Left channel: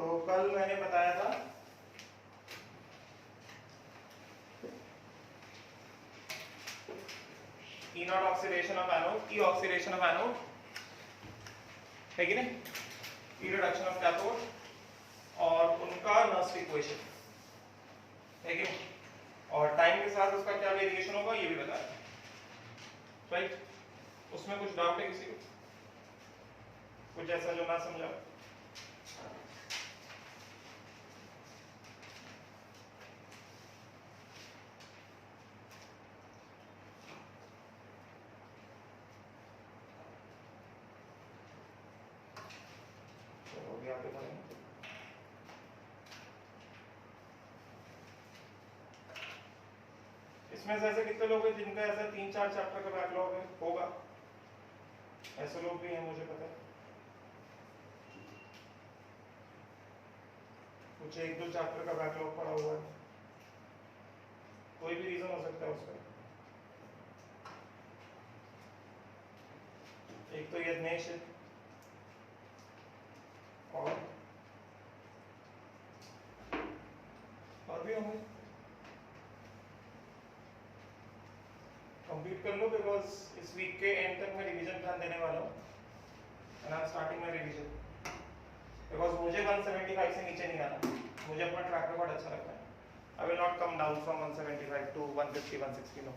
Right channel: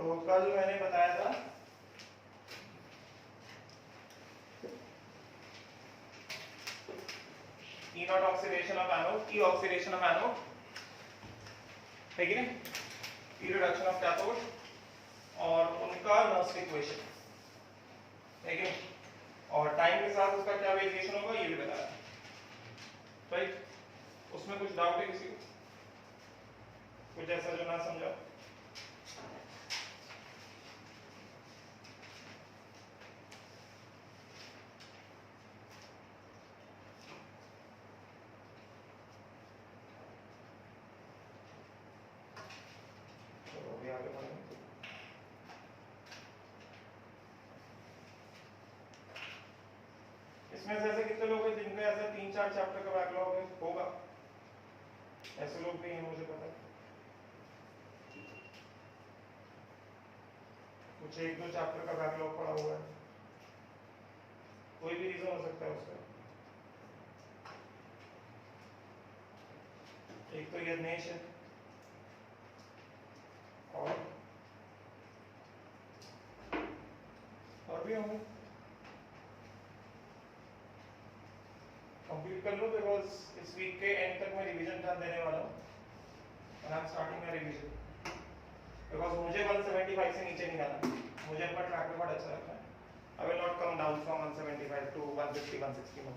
तो कल मैंने बताया था E not oxidation of anode, E oxidation of anode है कि नहीं, E रिडक्शन ऑफ कैथोड और उनका नर्स इक्वेशन है कि नहीं, और टाइम के साथ उसका क्या वेरिएशन होगा ये भी बताया, राइट। उसमें कुछ डाउट है किसी को, कुछ ऐसा जो ना समझा? तो अभी आगे बढ़ेंगे। इसमें से ऐसे कितने लोग हैं जिनका ऐसा 3-4 चैप्टर का बैकलॉग है? होगा, ऐसे लोग भी हैं, मुझे पता है। कुछ 1-2 चैप्टर का बैकलॉग पड़ा हुआ है, कोई भी रीजन हो सकता है उसका। एक तो ये नेशन और भी होंगे, कंप्लीट कर लो, बिकॉज इस वीक के एंड तक मैं रिवीजन ध्यान देने वाला हूँ, and I am starting my revision, because मुझे 175 से नीचे नहीं आना, मुझे अपना ट्रैक रिकॉर्ड अच्छा रखना है। I will not come down from 175 to 150 160 no,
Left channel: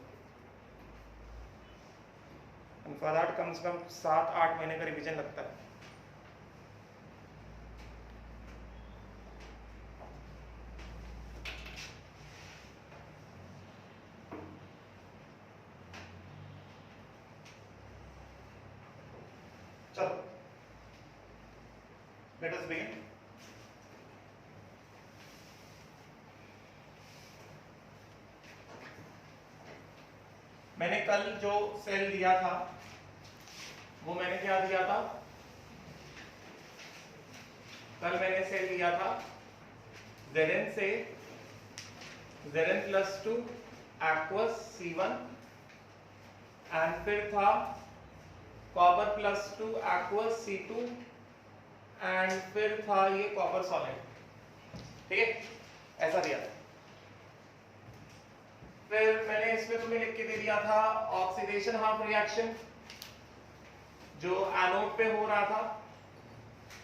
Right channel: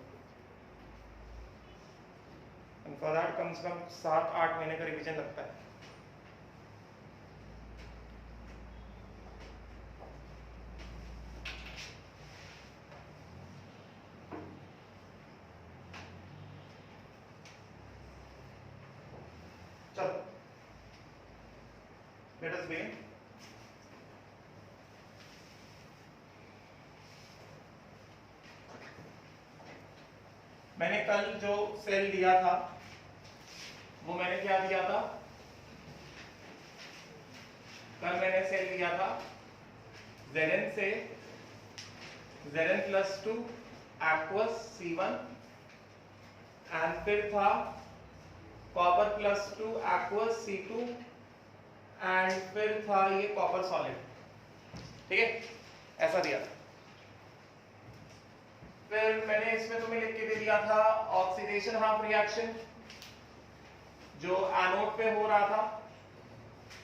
and for that कम से कम 7-8 महीने का रिवीजन लगता है। चलो, लेट अस बिगिन। मैंने कल जो सेल लिया था वो मैंने क्या दिया था? कल मैंने सेल लिया था Zn से Zn plus 2 aqueous C1, and फिर था copper plus 2 aqueous C2, and फिर था ये कॉपर सॉलिड, ठीक है, ऐसा दिया था। फिर मैंने इसमें तुम्हें लिख के दे दिया था ऑक्सीडेशन हाफ रिएक्शन जो एनोड पे हो रहा था,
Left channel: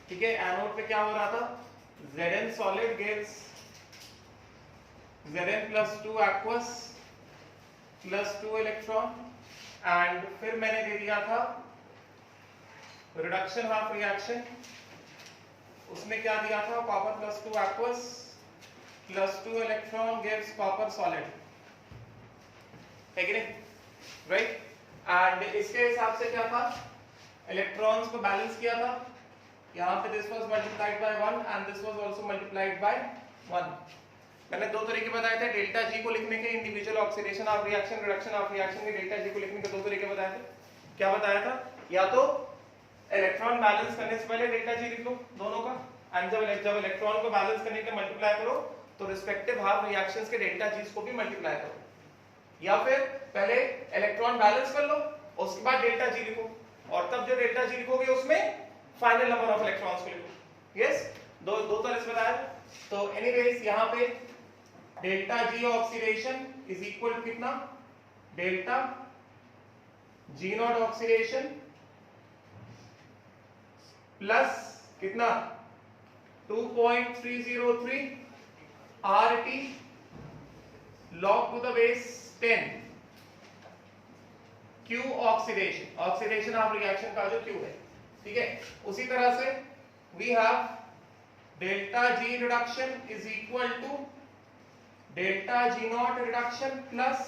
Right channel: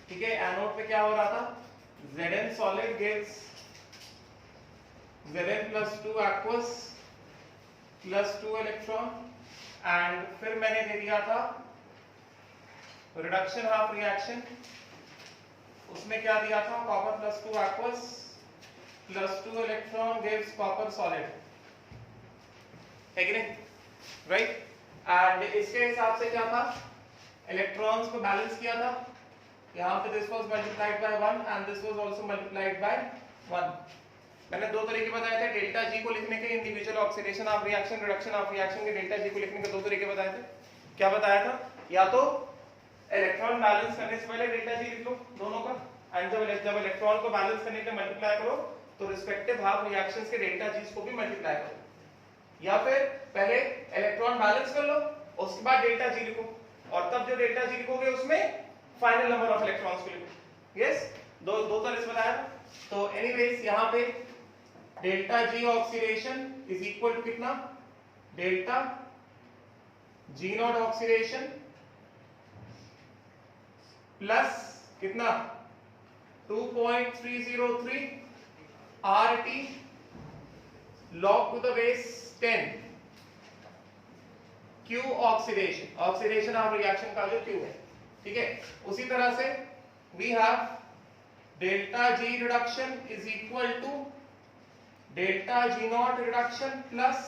ठीक है। एनोड पे क्या हो रहा था? Zn solid gives Zn plus 2 aqueous plus 2 electron, and फिर मैंने दे दिया था रिडक्शन हाफ रिएक्शन, उसमें क्या दिया था? Copper plus 2 aqueous plus 2 electron gives copper solid, है कि नहीं, राइट। एंड इसके हिसाब से क्या था? इलेक्ट्रॉन्स को बैलेंस किया था, यहाँ पे this was multiplied by 1 and this was also multiplied by 1। मैंने दो तरीके बताए थे डेल्टा जी को लिखने के, individual oxidation of reaction, reduction of reaction के डेल्टा जी को लिखने के दो तरीके बताए थे। क्या बताया था? या तो इलेक्ट्रॉन बैलेंस करने से पहले डेल्टा जी लिख लो दोनों का, एंड जब इलेक्ट्रॉन को बैलेंस करने के लिए मल्टीप्लाई करो तो रिस्पेक्टिव हाफ रिएक्शंस के डेल्टा जी को भी मल्टीप्लाई करो, या फिर पहले इलेक्ट्रॉन बैलेंस कर लो उसके बाद डेल्टा जी लिखो, और तब जो डेल्टा जी लिखोगे उसमें फाइनल नंबर ऑफ इलेक्ट्रॉन्स को लिखो। यस, दो तरह से बनाया। तो एनीवेज यहाँ पे delta G oxidation is equal to कितना? Delta G not oxidation plus कितना? 2.303 RT log to the base 10 Q oxidation, oxidation of reaction का जो Q है, ठीक है। उसी तरह से we have delta G reduction is equal to delta G not reduction plus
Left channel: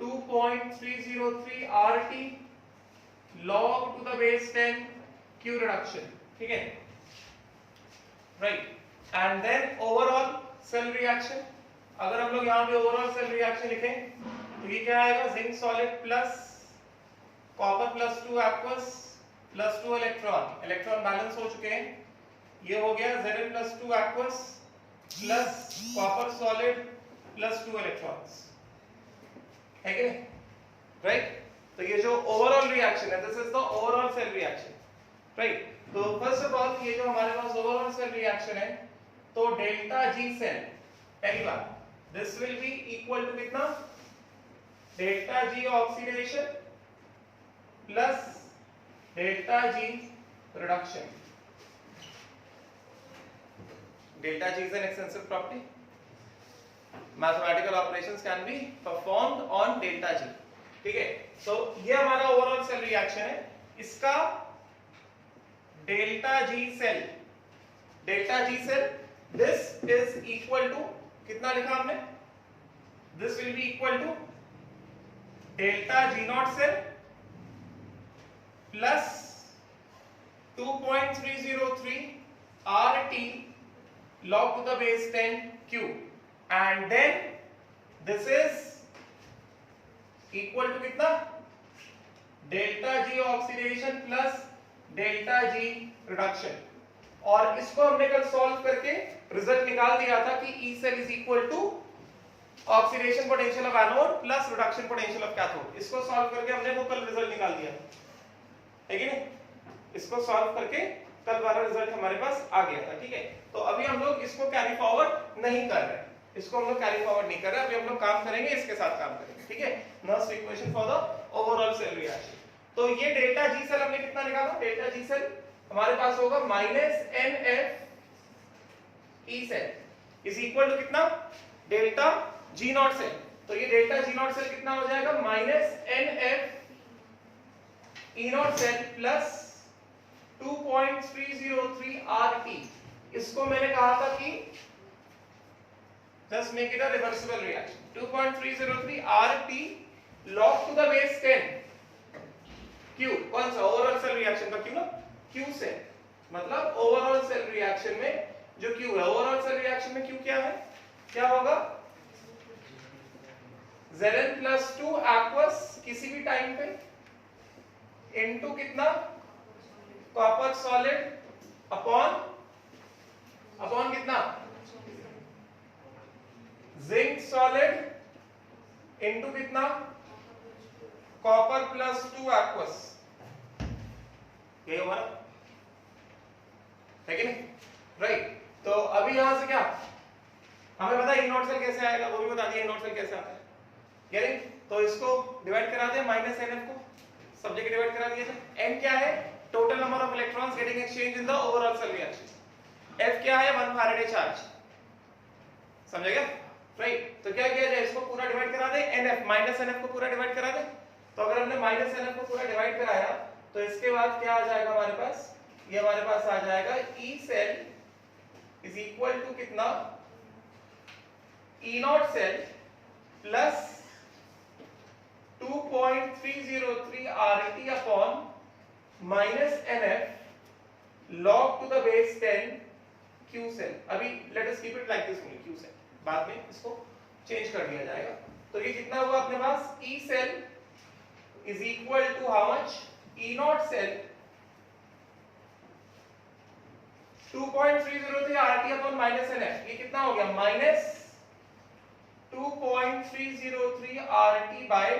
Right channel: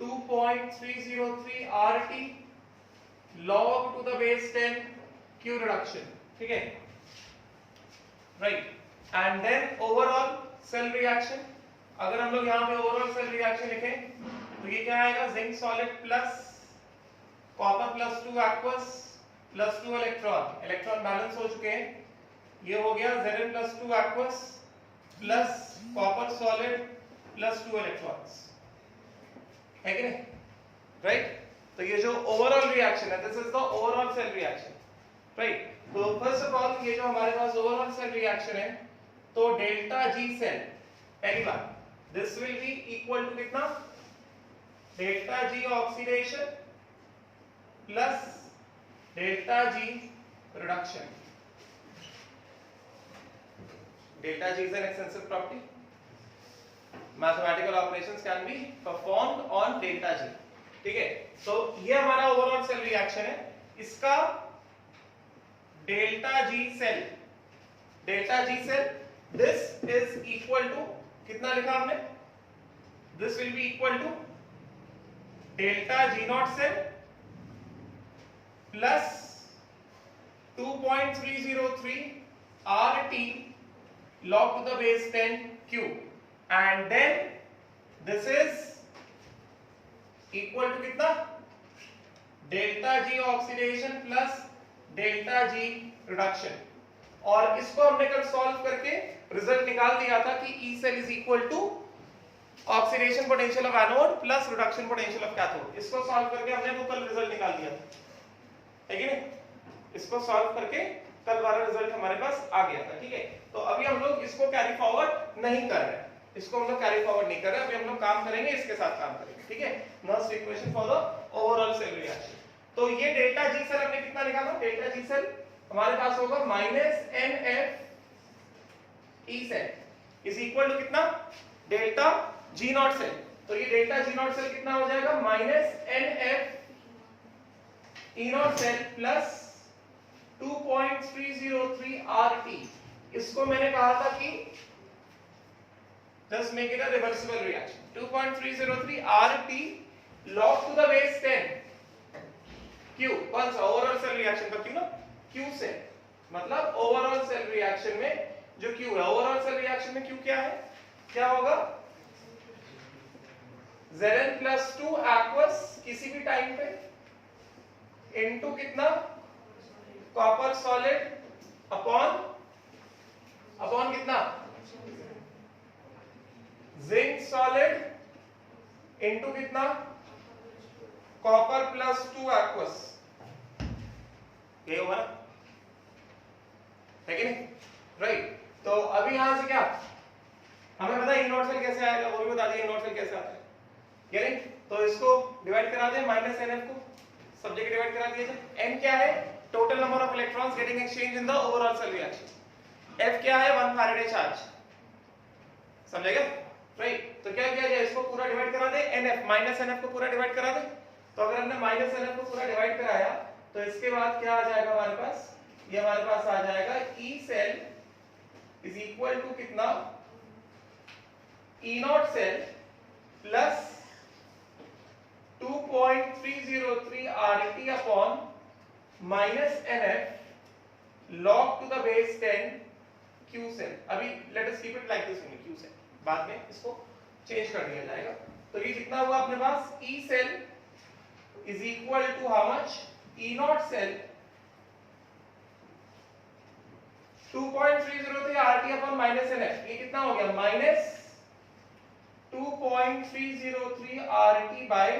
2.303 RT log to the base 10 Q reduction, ठीक है, right. And then overall cell reaction, अगर हम लोग यहाँ पे ओवरऑल सेल रिएक्शन लिखें तो ये क्या आएगा? Zinc solid plus copper plus 2 aqueous plus 2 electron, electron balance हो चुके हैं, ये हो गया Zn plus 2 aqueous plus copper solid plus 2 electrons, है कि नहीं, राइट। तो ये जो ओवरऑल रिएक्शन है, this is the overall cell reaction. Right. तो फर्स्ट ऑफ ऑल ये जो हमारे पास ओवरऑल सेल रिएक्शन है, तो डेल्टा जी सेल पहली बात this will be equal to कितना, delta G oxidation plus delta G reduction. Delta G is an extensive property, mathematical operations can be performed on delta G. ठीक है, तो ये हमारा ओवरऑल सेल रिएक्शन है, इसका delta G cell this is equal to कितना लिखा हमने, this will be equal to delta G naught cell plus 2.303 RT log to the base 10 Q, and then this is equal to कितना, delta G oxidation plus delta G reduction. और इसको हमने कल solve करके result निकाल दिया था कि E cell is equal to oxidation potential of anode plus reduction potential of cathode. इसको सॉल्व करके हमने वो कल रिजल्ट निकाल दिया था, है कि नहीं? इसको सॉल्व करके कल वाला रिजल्ट हमारे पास आ गया था। ठीक है, तो अभी हम लोग इसको कैरी फॉरवर्ड नहीं कर रहे, इसको हम लोग कैरी फॉरवर्ड नहीं कर रहे, अभी हम लोग काम करेंगे इसके साथ काम करेंगे। ठीक है, Nernst equation for the overall cell reaction. तो ये डेल्टा जी सेल हमने कितना निकाला, डेल्टा जी सेल हमारे पास होगा minus NF E cell is equal to कितना, डेल्टा जी नॉट सेल। तो ये डेल्टा जी नॉट सेल कितना हो जाएगा, minus NF E not cell plus 2.303 RT। इसको मैंने कहा था कि just make it a reversible reaction, 2.303 RT log to the base 10 Q। कौन सा, ओवरऑल सेल रिएक्शन का Q ना, Q से मतलब ओवरऑल सेल रिएक्शन में जो Q है, ओवरऑल सेल रिएक्शन में Q क्या है, क्या होगा, Zn+2 aqueous किसी भी टाइम पे इनटू कितना, कॉपर सॉलिड अपॉन कितना, जिंक सॉलिड इनटू कितना, कॉपर +2 aqueous। ये होगा ना, है कि नहीं? राइट। तो अभी यहां से क्या हमें पता है, ई नॉट सेल कैसे आएगा, वो भी बता दिया ई नॉट सेल कैसे आता है, यानी तो इसको डिवाइड करा दें, माइनस NF को सब जगह डिवाइड करा दिया जाए। N क्या है, total number of electrons getting exchange in the overall cell reaction. F क्या है, 1 फैराडे चार्ज, समझेगा? राइट। तो क्या किया जाए, इसको पूरा डिवाइड करा दे, NF माइनस NF को पूरा डिवाइड करा दे। तो अगर हमने माइनस NF को पूरा डिवाइड कराया तो इसके बाद क्या आ जाएगा हमारे पास, ये हमारे पास आ जाएगा E cell is equal to कितना, E not cell plus 2.303 RT upon minus NF log to the base 10 Q cell. अभी let us keep it like this only, Q cell, बाद में इसको चेंज कर दिया जाएगा। तो ये कितना हुआ अपने पास, E cell is equal to how much, E not cell 2.303 RT upon minus NF, ये कितना हो गया, minus 2.303 RT by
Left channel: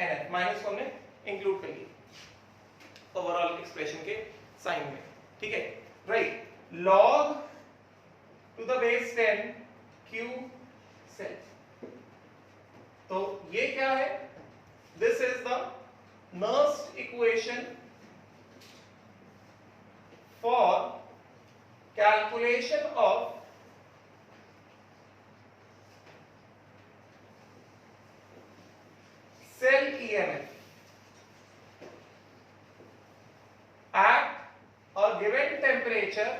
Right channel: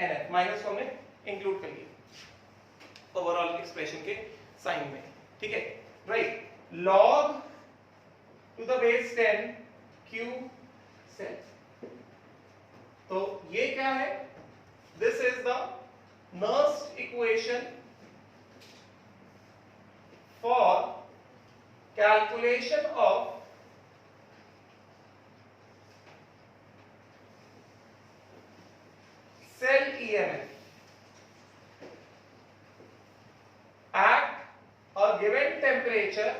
NF, minus को हमने इंक्लूड कर लिया ओवरऑल एक्सप्रेशन के साइन में। ठीक है, right, log to the base 10 Q cell. तो ये क्या है, this is the Nernst equation for calculation of cell EMF at a given temperature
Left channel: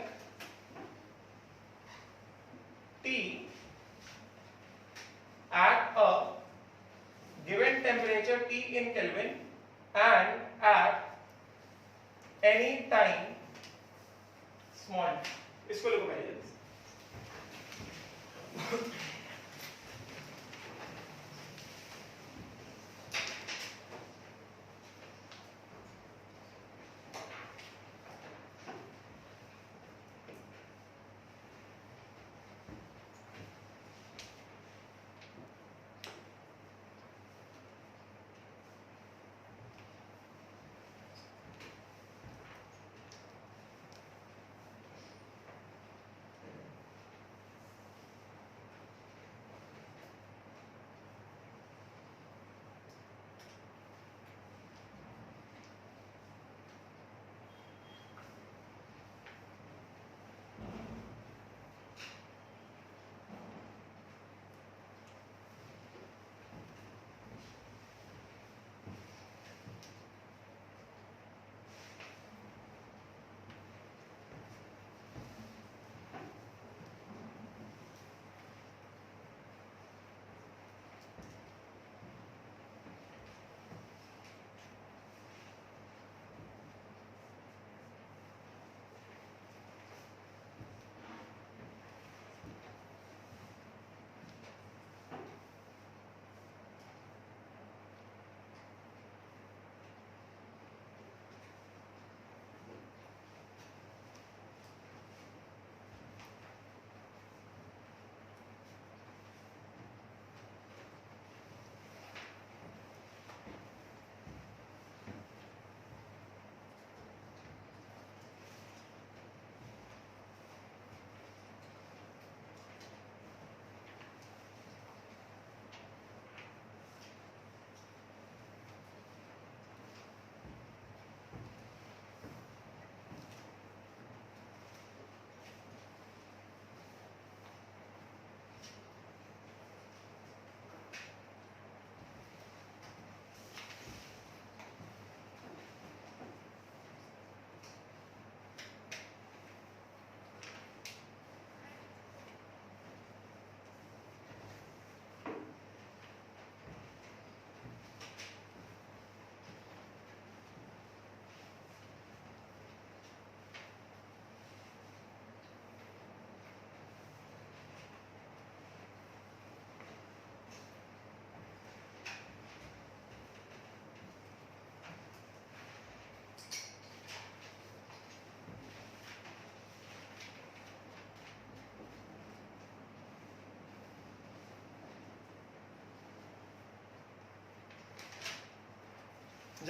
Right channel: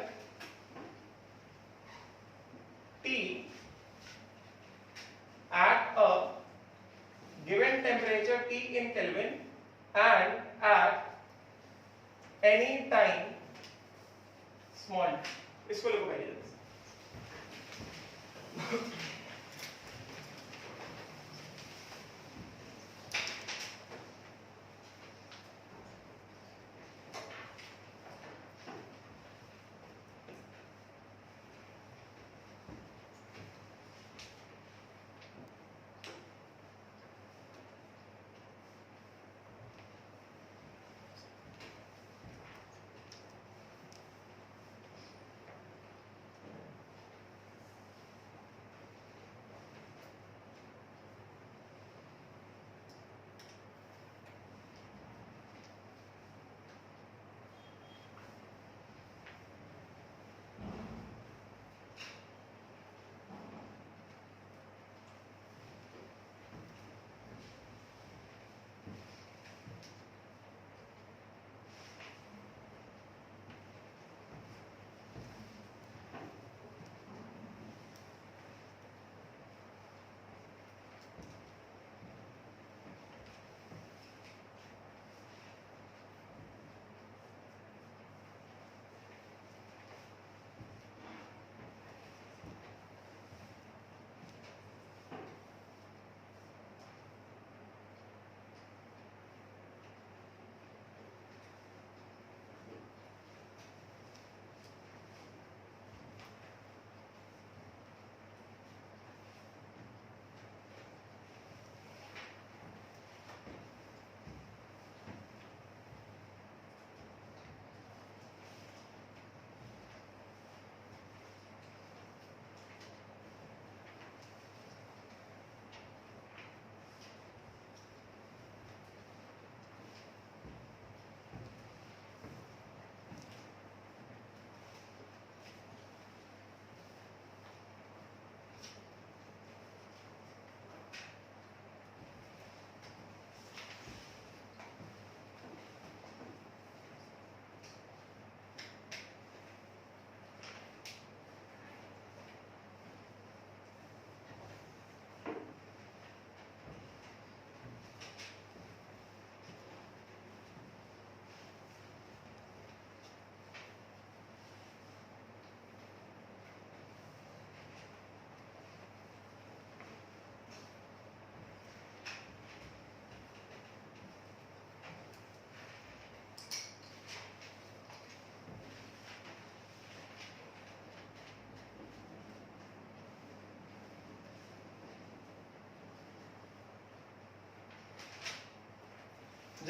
T, at a given temperature T in Kelvin and at any time small t। इसको लिखो पहले जल्दी।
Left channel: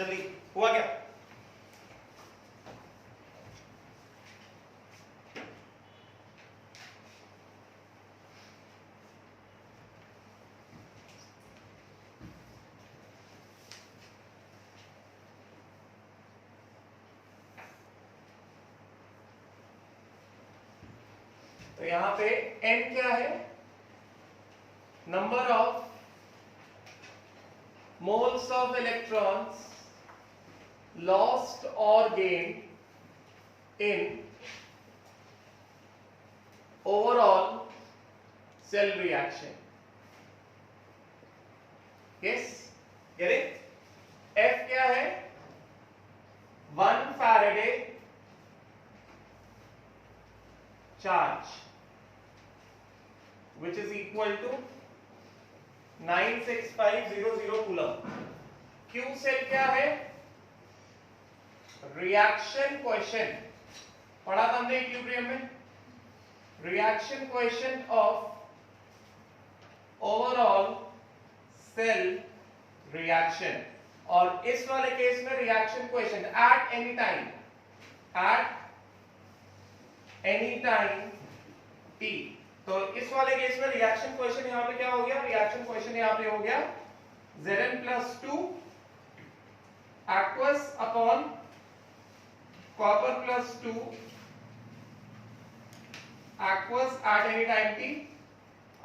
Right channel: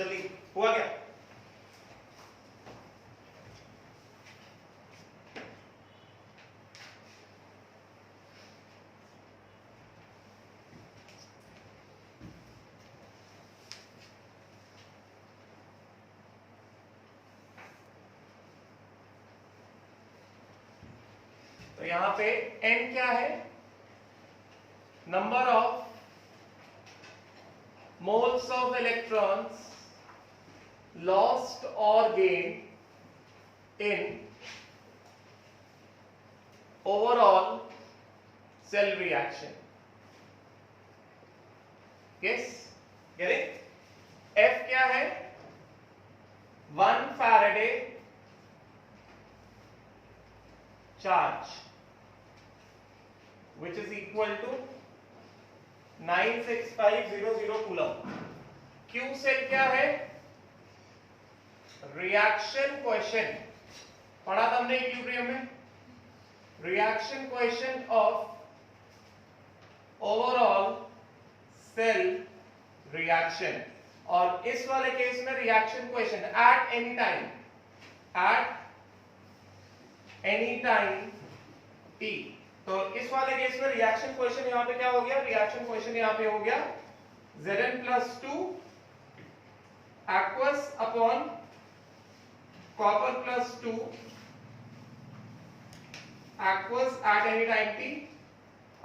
जल्दी हुआ क्या? तो यहां पे n क्या है? Number of moles of electrons lost or gained in overall cell reaction. Yes, get it? F क्या है? 1 Faraday charge which is equal to 96500 coulomb. Q cell क्या है? रिएक्शन क्वेश्चन पढ़ा था हमने इक्विलिब्रियम में. Reaction quotient of overall cell reaction. और इस वाले केस में reaction quotient at any time t. तो इस वाले केस में रिएक्शन क्वेश्चन यहां पे क्या हो गया? रिएक्शन क्वेश्चन यहां पे हो गया Zn plus 2 aqueous upon copper plus 2 aqueous at any time t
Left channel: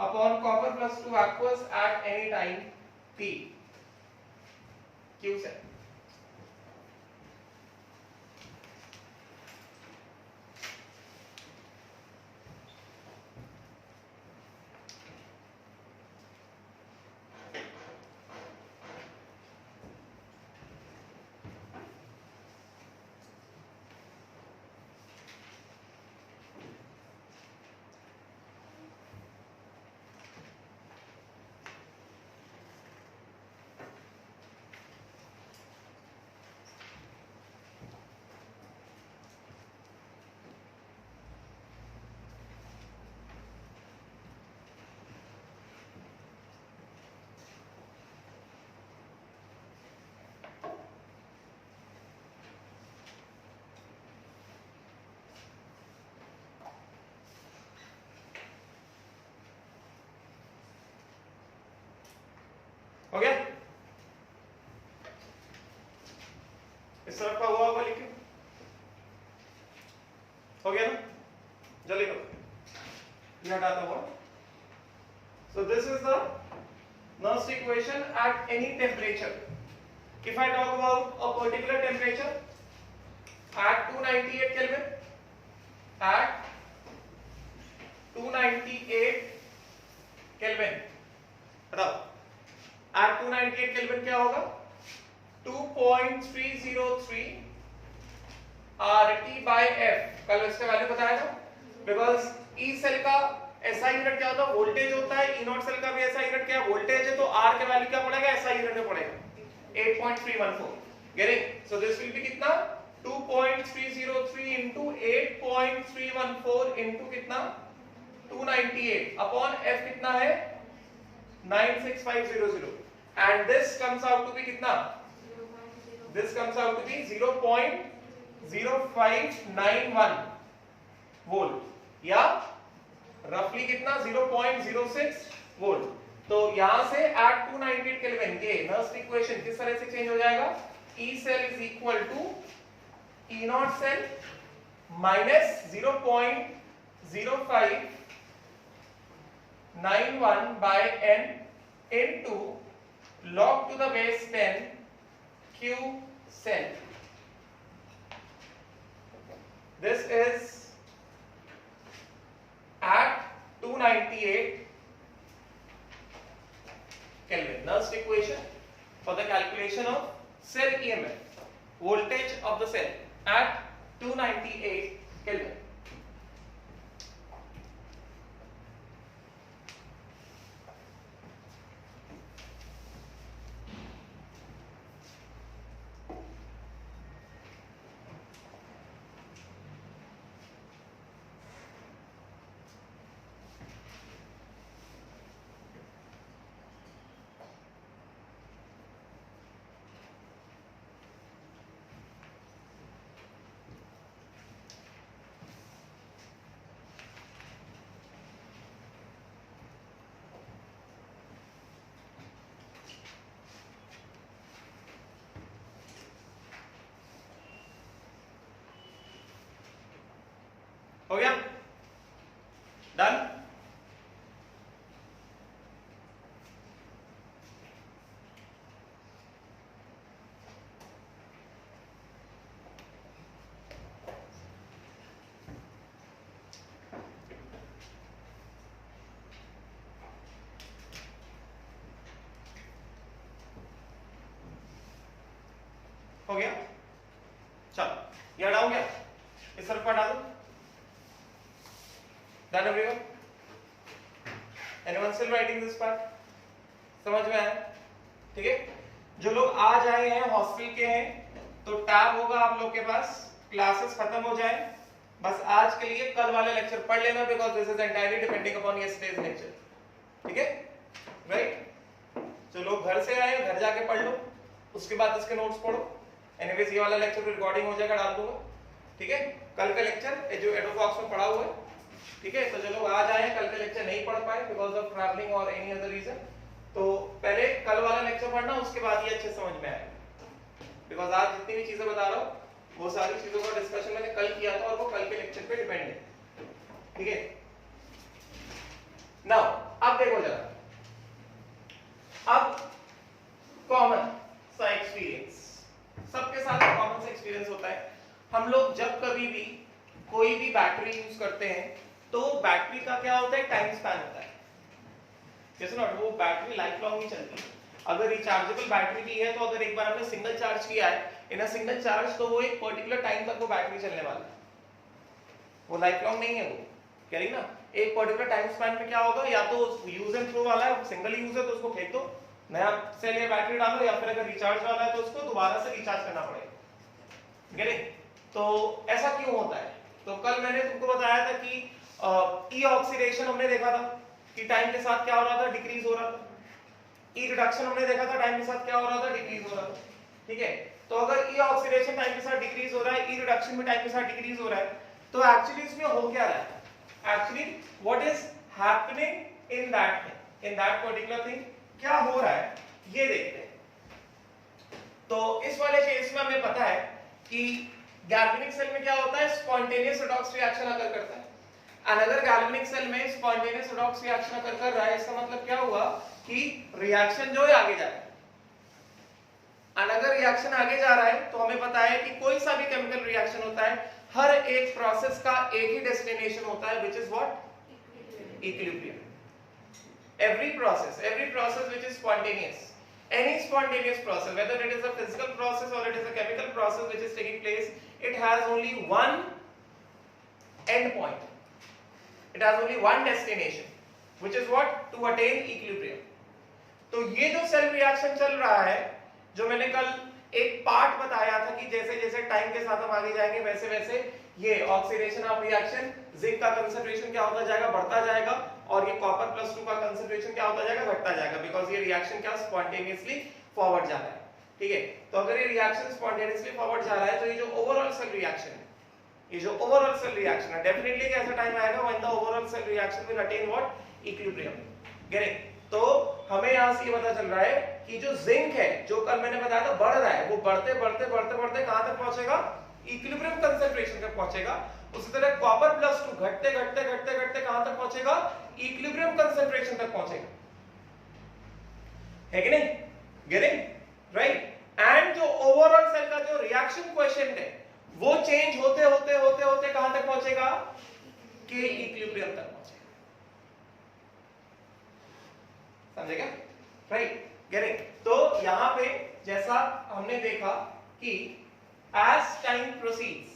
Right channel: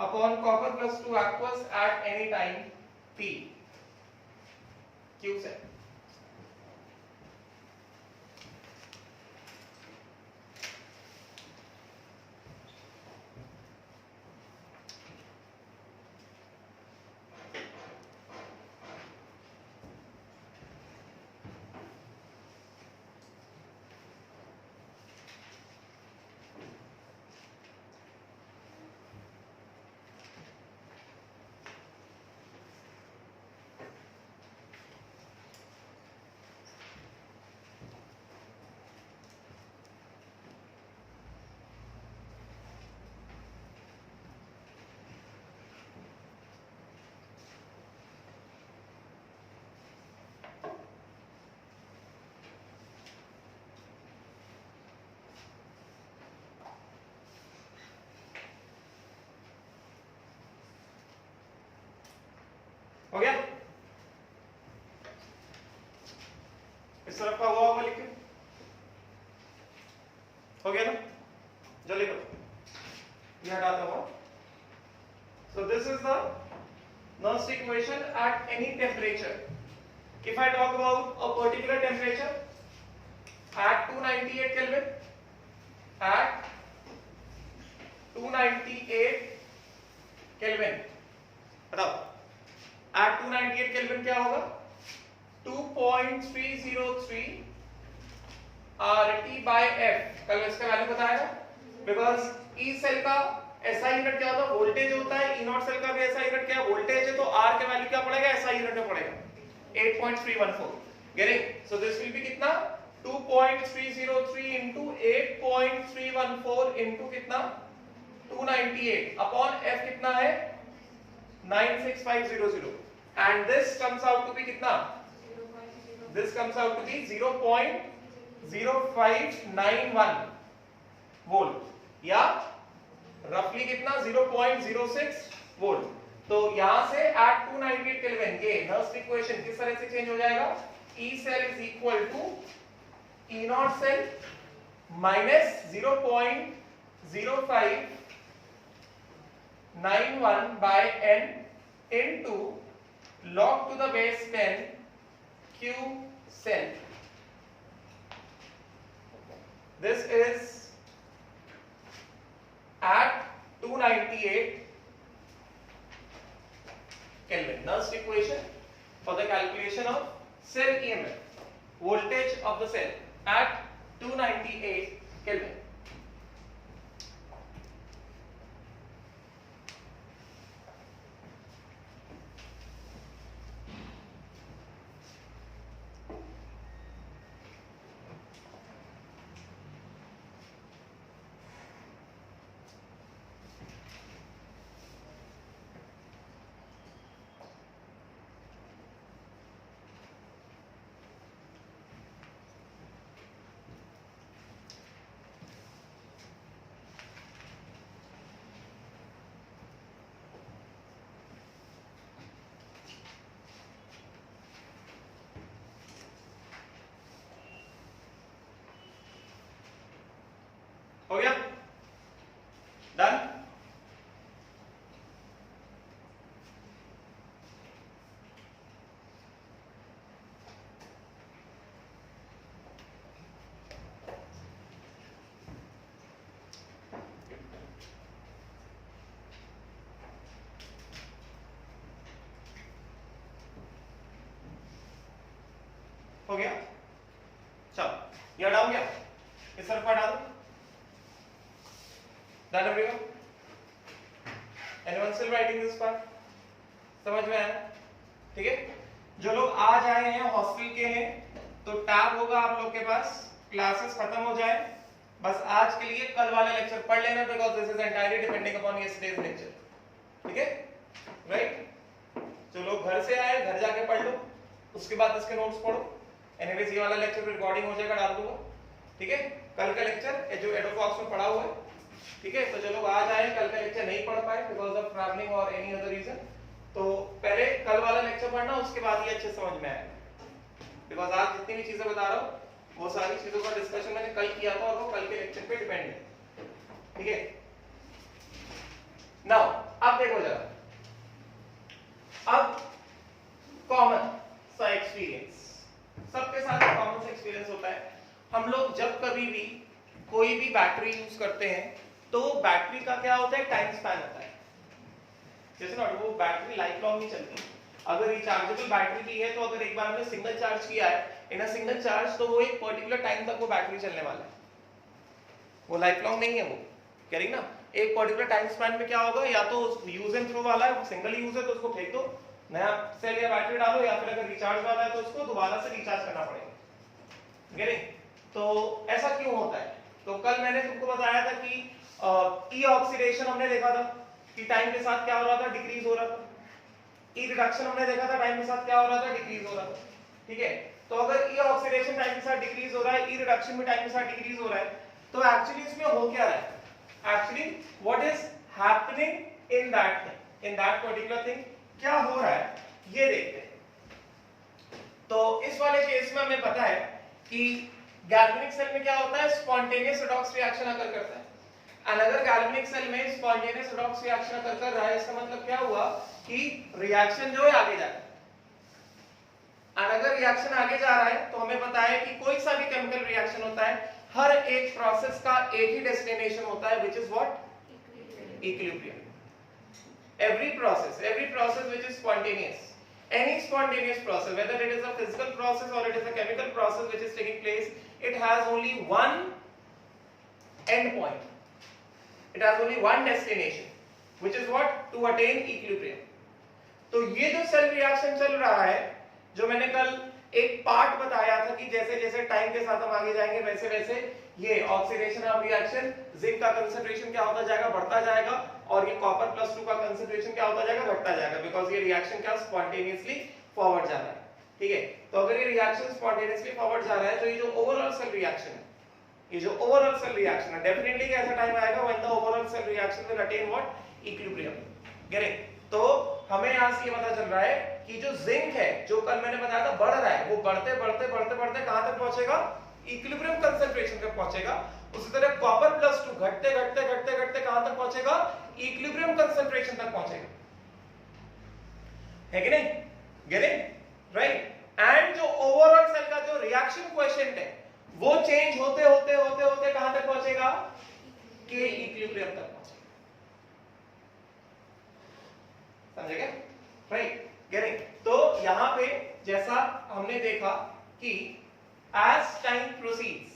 upon copper plus 2 aqueous at any time t. Q से हो गया. इस तरफ का हुआ होगा लिखिए. हो गया ना? जल्दी करो. ये हटाता हुआ. So this is the Nernst equation at any temperature. If I talk about a particular temperature at 298 Kelvin, at 298 Kelvin, बताओ at 298 केल्विन क्या होगा? 2.303 RT by F. कल इसका वैल्यू बताया था. बिकॉज E सेल का SI यूनिट क्या होता है? वोल्टेज होता है. E नॉट सेल का भी SI यूनिट क्या है? वोल्टेज है. तो R का वैल्यू क्या पड़ेगा? SI यूनिट में पड़ेगा 8.314. Get it? So this will B कितना? 2.303 into 8.314 into कितना? 298 अपॉन F कितना है? 96500. And this comes out to be कितना? This comes out to be 0.0591 volt या रफली कितना? 0.06 वोल्ट. तो यहां से at 298 केल्विन ये नर्स्ट इक्वेशन किस तरह से चेंज हो जाएगा? E cell is equal to E not cell minus 0.0591 by n into log to the base 10 Q cell. This is at 298 Kelvin. Nernst equation for the calculation of cell EMF, voltage of the cell at 298 Kelvin. हो गया? Done? हो गया? चलो ये down गया, इस पर हटा दो। Done everyone? Anyone still writing this part? समझ में आया? ठीक है? जो लोग आज आए हैं हॉस्टल के हैं तो टैब होगा आप लोग के पास, क्लासेस खत्म हो जाए, बस आज के लिए कल वाले लेक्चर पढ़ लेना because this is entirely depending upon yesterday's lecture. ठीक है? राइट? जो लोग घर से आए घर जाके पढ़ लो, उसके बाद इसके नोट्स पढ़ो। एनीवेज ये वाला लेक्चर रिकॉर्डिंग हो जाएगा, डाल दूंगा। ठीक है? कल का लेक्चर जो एडोबॉक्स में पढ़ा हुआ है, ठीक है? तो जो लोग आज आए कल का लेक्चर नहीं पढ़ पाए बिकॉज ऑफ ट्रैवलिंग और एनी अदर रीजन, तो पहले कल वाला लेक्चर पढ़ना, उसके बाद ये अच्छे समझ में आएगा। बिकॉज आज जितनी भी चीजें बता रहा हूँ वो सारी चीजों का डिस्कशन मैंने कल किया था और वो कल के लेक्चर पे डिपेंड है। ठीक है? नाउ अब देखो जरा, अब कॉमन सा एक्सपीरियंस, सबके साथ कॉमन सा एक्सपीरियंस होता है। हम लोग जब कभी भी कोई भी बैटरी यूज करते हैं तो बैटरी का क्या होता है, टाइम स्पैन होता है। जैसे ना वो बैटरी लाइफ लॉन्ग ही चलती है। अगर रिचार्जेबल बैटरी भी है तो अगर एक बार हमने सिंगल चार्ज किया है इन अ सिंगल चार्ज, तो वो एक पर्टिकुलर टाइम तक वो बैटरी चलने वाला है, वो लाइफ लॉन्ग नहीं है। वो कह रही ना, एक पर्टिकुलर टाइम स्पैन में क्या होगा, या तो यूज एंड थ्रो वाला है, सिंगल यूज है तो उसको फेंक दो, नया सेल या बैटरी डालो, या फिर अगर रिचार्ज वाला है तो उसको दोबारा से रिचार्ज करना पड़ेगा। तो ऐसा क्यों होता है? तो कल मैंने तुमको बताया था कि ई ऑक्सीडेशन हमने देखा था कि टाइम के साथ क्या हो रहा था, डिक्रीज हो रहा था। ई रिडक्शन हमने देखा था, टाइम के साथ क्या हो रहा था, डिक्रीज हो रहा था। ठीक है? तो अगर ई ऑक्सीडेशन टाइम के साथ डिक्रीज हो रहा है, ई रिडक्शन भी टाइम के साथ डिक्रीज हो रहा है, तो एक्चुअली इसमें हो क्या रहा है, actually what is happening in that particular thing, क्या हो रहा है ये देखते हैं। तो इस वाले केस में हमें पता है कि गैल्वेनिक सेल में क्या होता है, स्पॉन्टेनियस रिडॉक्स रिएक्शन अगर करता है। अनदर गैल्वेनिक सेल में स्पॉन्टेनियस रिडॉक्स रिएक्शन अगर कर रहा है, इसका मतलब क्या हुआ कि रिएक्शन जो है आगे जा रहा है। अनदर रिएक्शन आगे जा रहा है तो हमें पता है कि कोई सा भी केमिकल रिएक्शन होता है, हर एक प्रोसेस का एक ही डेस्टिनेशन होता है, which is what, equilibrium. every process which is spontaneous, any spontaneous process, whether it is a physical process or it is a chemical process which is taking place, it has only one end point, it has only one destination, which is what, to attain equilibrium. तो ये जो cell reaction चल रहा है, जो मैंने कल एक पार्ट बताया था कि जैसे जैसे टाइम के साथ हम आगे जाएंगे वैसे वैसे ये ऑक्सीडेशन ऑफ रिएक्शन, जिंक का कंसंट्रेशन क्या होता जाएगा, बढ़ता जाएगा, और ये कॉपर प्लस 2 का कंसंट्रेशन क्या होता जाएगा, घटता जाएगा, बिकॉज ये रिएक्शन क्या स्पॉन्टेनियसली फॉरवर्ड जा रहा है। ठीक है? तो अगर ये रिएक्शन स्पॉन्टेनियसली फॉरवर्ड जा रहा है तो ये जो ओवरऑल सेल रिएक्शन है, ये जो ओवरऑल सेल रिएक्शन है, डेफिनेटली ऐसा टाइम आएगा when the overall cell reaction will attain what, equilibrium. Getting? तो हमें यहां से ये पता चल रहा है कि जो जिंक है, जो कल मैंने बताया था बढ़ रहा है, वो बढ़ते बढ़ते बढ़ते बढ़ते कहां तक पहुंचेगा, इक्विलिब्रियम कंसंट्रेशन तक पहुंचेगा। उसी तरह कॉपर प्लस 2 घटते घटते घटते घटते कहां तक पहुंचेगा, इक्विलिब्रियम कंसंट्रेशन तक पहुंचेगा। है कि नहीं? गेटिंग? राइट? एंड जो ओवरऑल सेल का जो रिएक्शन क्वोशिएंट है वो चेंज होते होते होते होते कहां तक पहुंचेगा, कि इक्विलिब्रियम तक पहुंचेगा। समझेगा? राइट? गेटिंग? तो यहां पे जैसा हमने देखा कि as time proceeds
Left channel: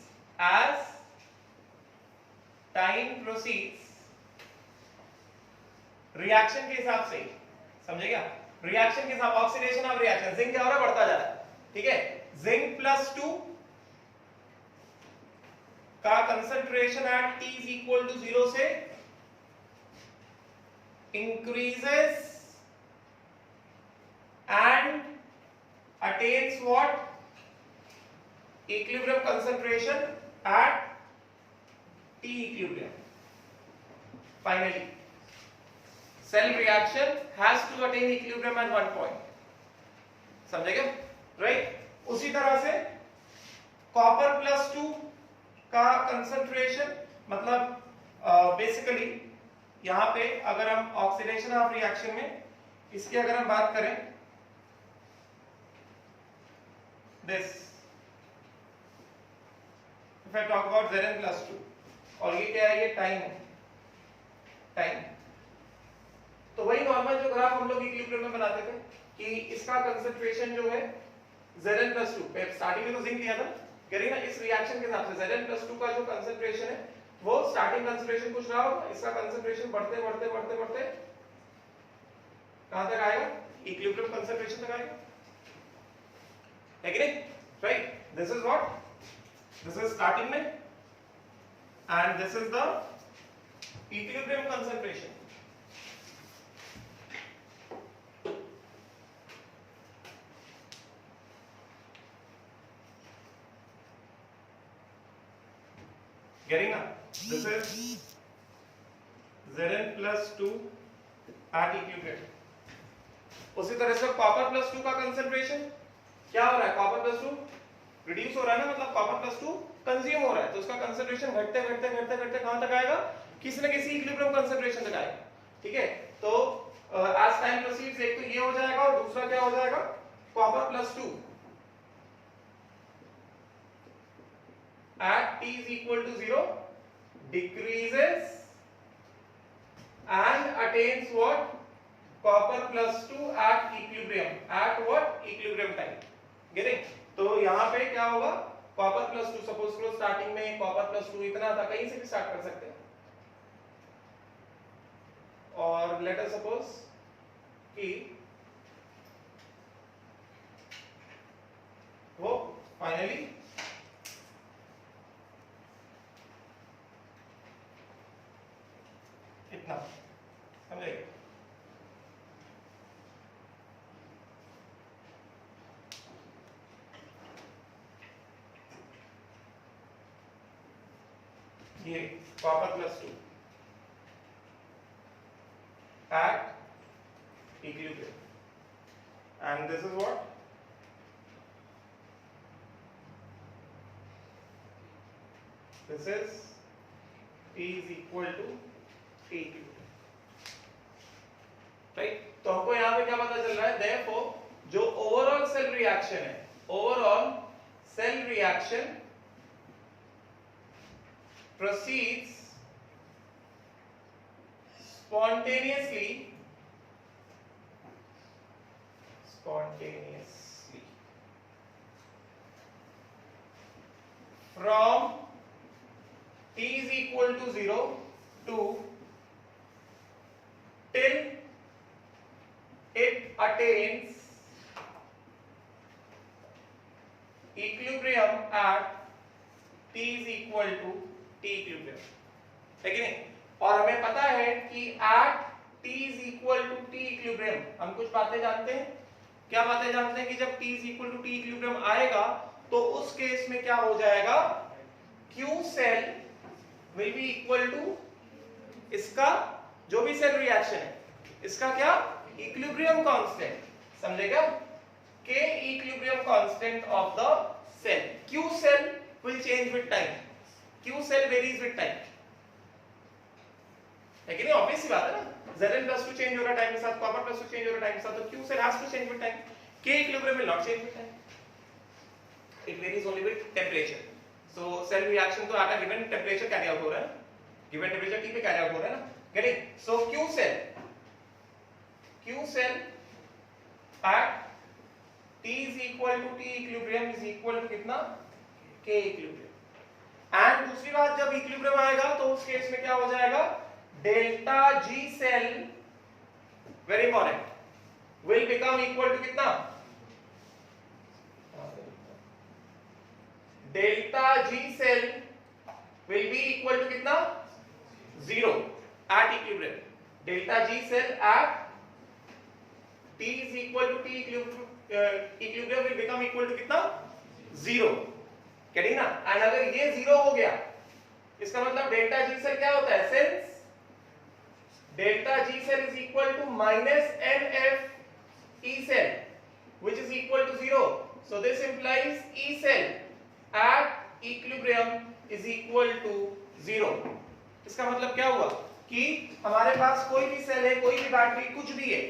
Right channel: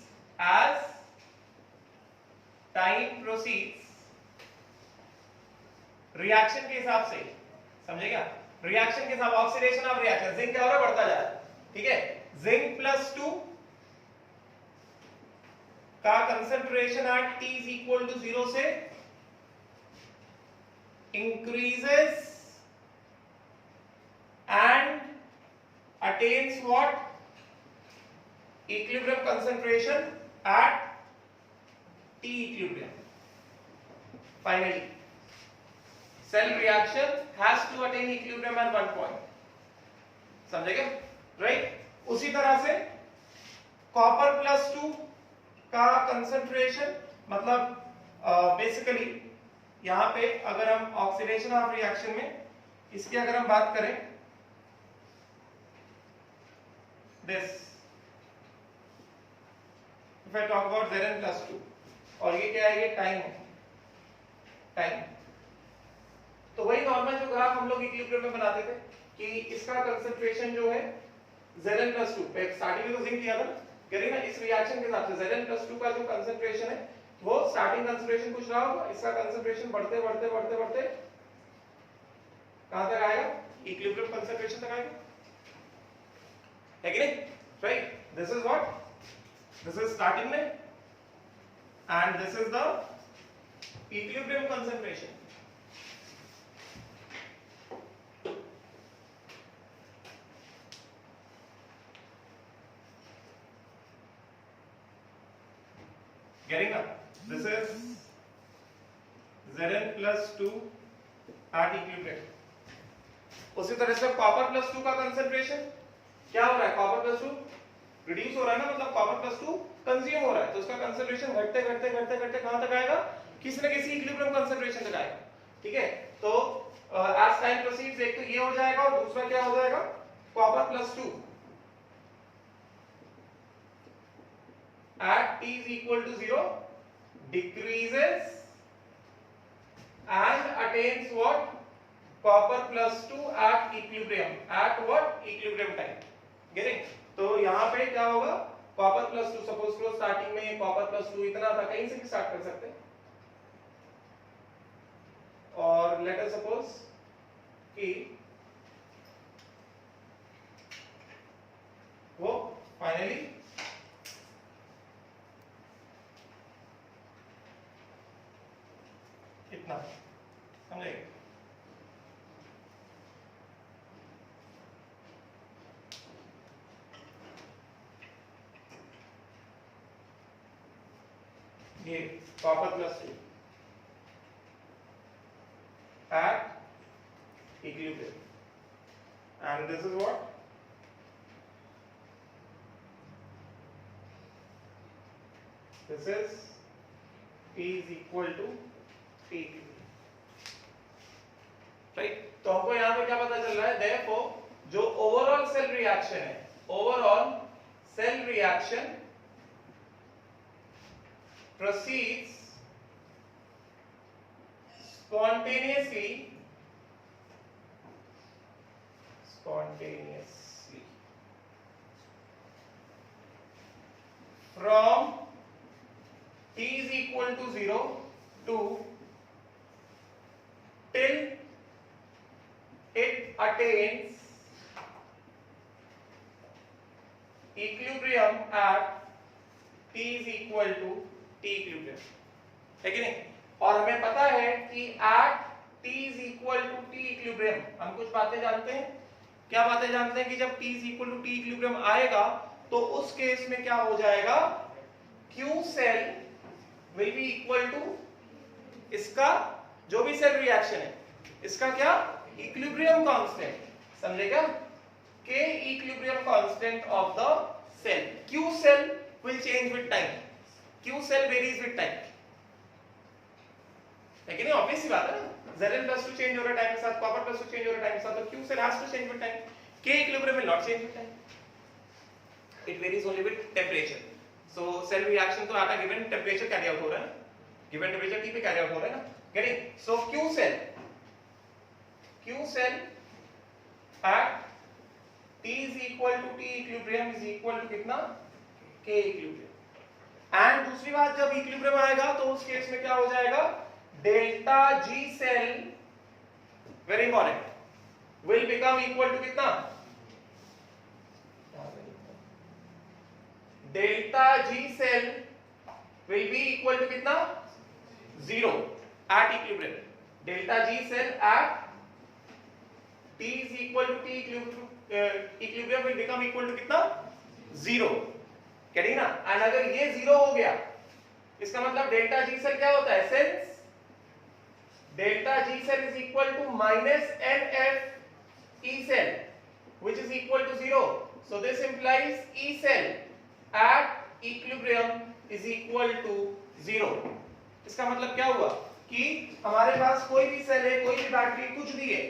रिएक्शन के हिसाब से, समझेगा, रिएक्शन के हिसाब, ऑक्सीडेशन ऑफ रिएक्शन, जिंक क्या हो रहा है, बढ़ता जा रहा है। ठीक है? जिंक प्लस 2 का concentration at T is equal to 0 से increases and attains what, equilibrium concentration at T equilibrium. Finally, cell reaction has to attain equilibrium at one point. समझेगा? राइट? उसी तरह से कॉपर प्लस 2 का कंसंट्रेशन मतलब basically यहाँ पे अगर हम ऑक्सीडेशन ऑफ रिएक्शन में इसकी अगर हम बात करें, this if I talk about Zn+2, और ये क्या है, ये टाइम है, टाइम। तो वही नॉर्मल जो ग्राफ हम लोग इक्विलिब्रियम में बनाते थे कि इसका कंसंट्रेशन जो है Zn+2 पे स्टार्टिंग में तो जिंक दिया था, कह रही ना, इस रिएक्शन के हिसाब से Zn+2 का जो कंसंट्रेशन है वो स्टार्टिंग कंसंट्रेशन कुछ रहा होगा, इसका कंसंट्रेशन बढ़ते बढ़ते बढ़ते बढ़ते कहां तक आएगा, इक्विलिब्रियम कंसंट्रेशन तक आएगा, है कि नहीं, right. This is what, this is starting में and this is the equilibrium concentration. Getting up? This is Zn+2 at equilibrium. उसी तरह से कॉपर+2 का कंसंट्रेशन क्या हो रहा है, कॉपर+2 रिड्यूस हो रहा है ना, मतलब कॉपर+2 कंज्यूम हो रहा है, तो उसका कंसंट्रेशन घटते घटते घटते घटते कहां तक आएगा, किसी न किसी इक्विलिब्रियम कंसंट्रेशन तक आएगा, ठीक है। तो एज टाइम प्रोसीड्स एक तो ये हो जाएगा और दूसरा क्या हो जाएगा, कॉपर+2 at t is equal to 0 decreases and attains what, copper+2 at equilibrium, at what, equilibrium time, getting। तो यहाँ पे क्या होगा, copper+2 सपोज करो स्टार्टिंग में copper+2 इतना था, कहीं से भी स्टार्ट कर सकते हैं, और लेट अस सपोज कि वो फाइनली इतना समझे, ये copper+2 at equilibrium, and this is what, this is T is equal to T equilibrium, right. तो हमको यहाँ पे क्या पता चल रहा है, therefore जो ओवरऑल सेल रिएक्शन है, overall cell reaction proceeds spontaneously from t is equal to 0 to till it attains equilibrium at t is equal to t equilibrium, है कि नहीं। और हमें पता है कि at t is equal to t equilibrium हम कुछ बातें जानते हैं, क्या बातें जानते हैं कि जब t is equal to t equilibrium आएगा तो उस केस में क्या हो जाएगा, Q cell will be equal to इसका जो भी सेल रिएक्शन है इसका क्या, इक्विलिब्रियम कांस्टेंट, समझेगा, K equilibrium constant of the cell, Q cell will change with time, Q cell varies with time, है कि नहीं, ऑब्वियस सी बात है ना, Zn+2 चेंज हो रहा है टाइम के साथ, copper+2 चेंज हो रहा है टाइम के साथ, तो Q cell has to change with time, K equilibrium will not change with time, it varies only with temperature। so cell reaction तो at a given temperature carry out हो रहा है, given temperature T पे carry out हो रहा है ना, getting। so Q cell at T is equal to T equilibrium is equal to कितना, K equilibrium, एंड दूसरी बात जब इक्विलिब्रियम आएगा तो उस केस में क्या हो जाएगा, delta G cell, very important, will become equal to कितना, delta G cell will be equal to कितना, 0 at equilibrium, delta G cell at T is equal to T equilibrium will become equal to कितना, 0, क्या ना। And अगर ये 0 हो गया इसका मतलब डेल्टा G cell क्या होता है, since delta G cell is equal to minus NF E cell which is equal to 0, so this implies E cell at equilibrium is equal to 0। इसका मतलब क्या हुआ कि हमारे पास कोई भी सेल है, कोई भी बैटरी, कुछ भी है,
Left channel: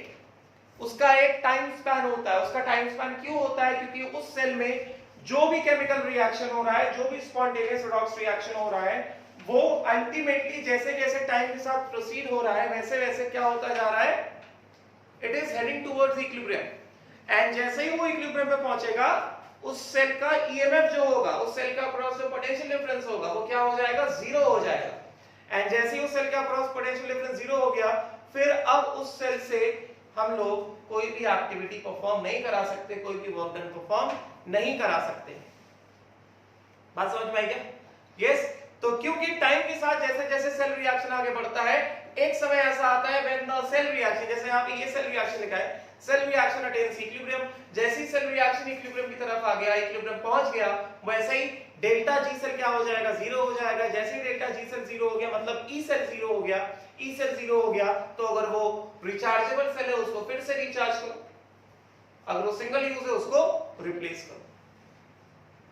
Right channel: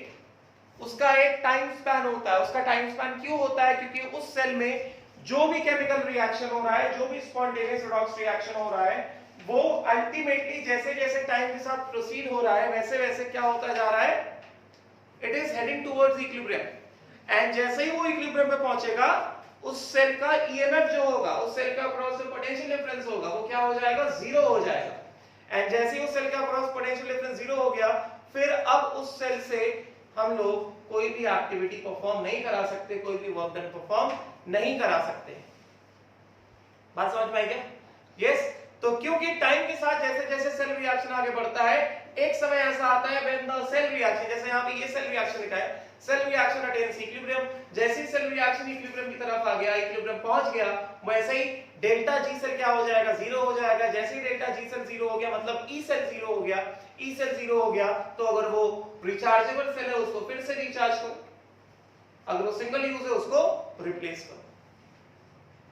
उसका एक टाइम स्पैन होता है। उसका टाइम स्पैन क्यों होता है? क्योंकि उस सेल में जो भी केमिकल रिएक्शन हो रहा है, जो भी स्पॉन्टेनियस रिडॉक्स रिएक्शन हो रहा है, वो अल्टीमेटली जैसे जैसे टाइम के साथ प्रोसीड हो रहा है, वैसे वैसे क्या होता जा रहा है? It is heading towards equilibrium. And जैसे ही वो इक्विलिब्रियम पे पहुंचेगा, उस सेल का ईएमएफ जो होगा, उस सेल का अक्रॉस पोटेंशियल डिफरेंस होगा, वो क्या हो जाएगा? जीरो हो जाएगा। एंड जैसे ही उस सेल का अक्रॉस पोटेंशियल डिफरेंस जीरो हो गया, फिर अब उस सेल से हम लोग कोई भी एक्टिविटी परफॉर्म नहीं करा सकते, कोई भी वर्क डन परफॉर्म नहीं करा सकते। बात समझ में आई क्या? यस। तो क्योंकि टाइम के साथ जैसे जैसे सेल रिएक्शन आगे बढ़ता है, एक समय ऐसा आता है व्हेन द सेल रिएक्शन, जैसे यहाँ पे ये सेल रिएक्शन लिखा है, सेल रिएक्शन अटेन्स इक्विलिब्रियम। जैसे ही सेल रिएक्शन इक्विलिब्रियम की तरफ आ गया, इक्विलिब्रियम पहुंच गया, वैसे ही डेल्टा जी सेल क्या हो जाएगा? जीरो हो जाएगा। जैसे ही डेल्टा जी सेल जीरो हो गया, मतलब ई सेल जीरो हो गया। ई सेल जीरो हो गया तो अगर वो रिचार्जेबल सेल है, उसको फिर से रिचार्ज करो, अगर वो सिंगल यूज है, उसको रिप्लेस करो।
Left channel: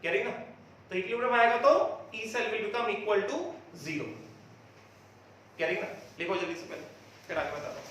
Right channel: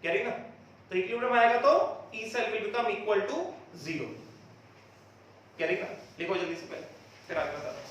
कह रही ना? तो इक्विलिब्रियम आएगा तो E cell will become equal to 0। कह रही ना? लिखो जल्दी से पहले, फिर आगे बताते हैं।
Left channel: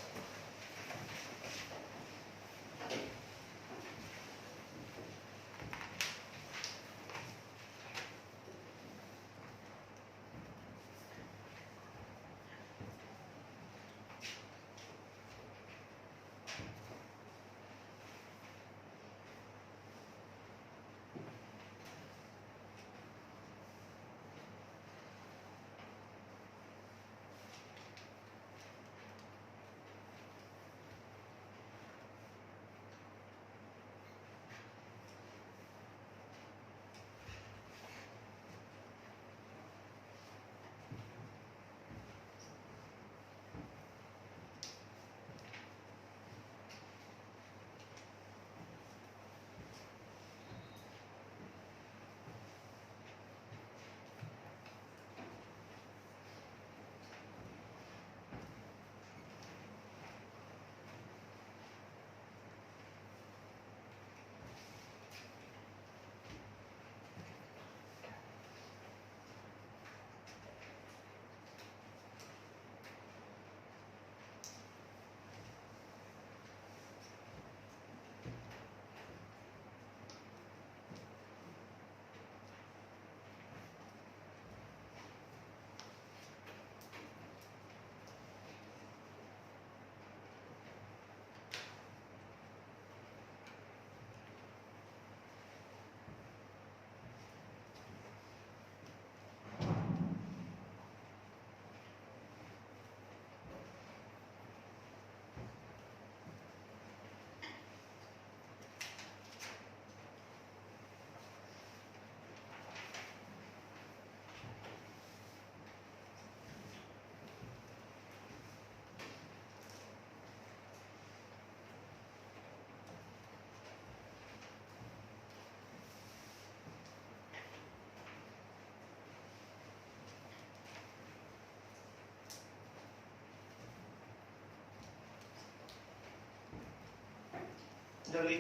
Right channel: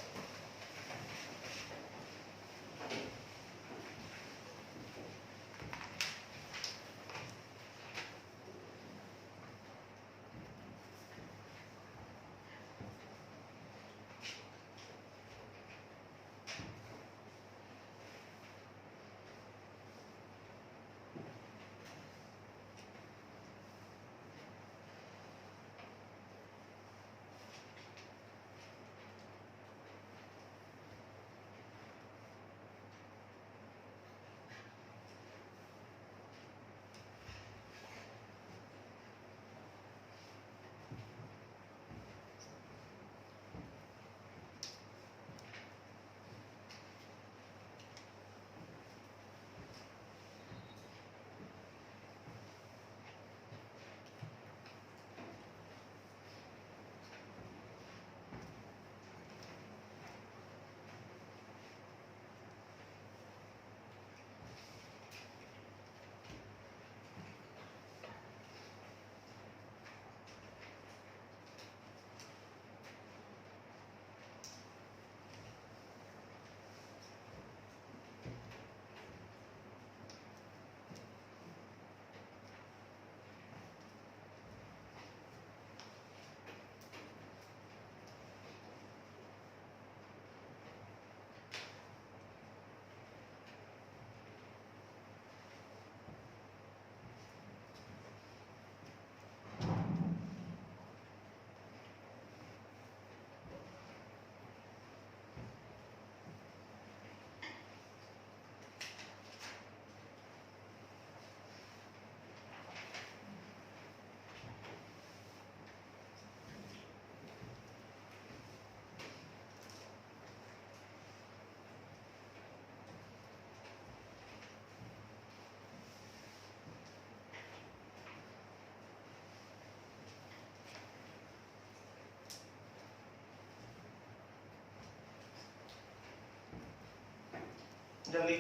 जल्दी।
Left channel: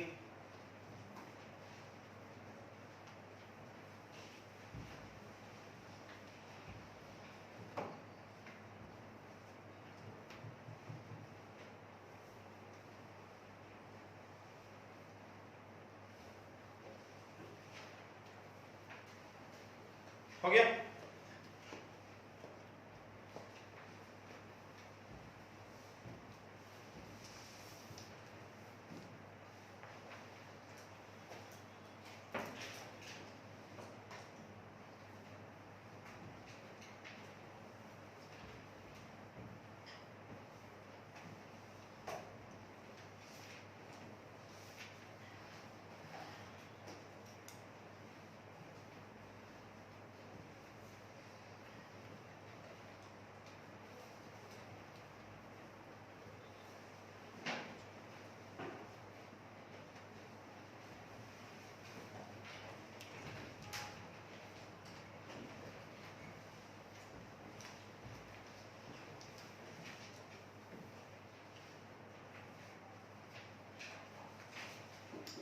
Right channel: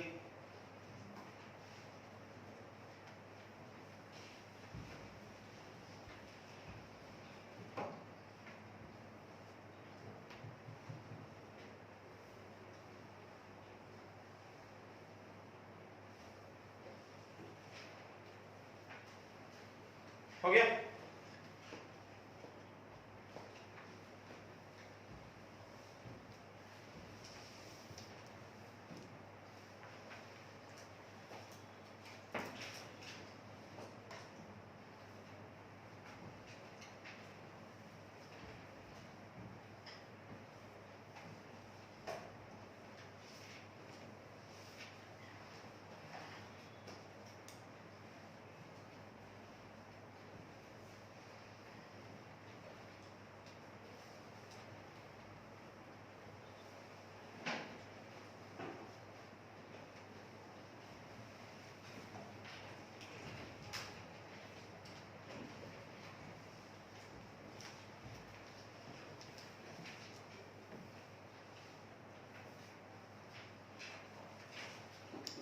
हो गया?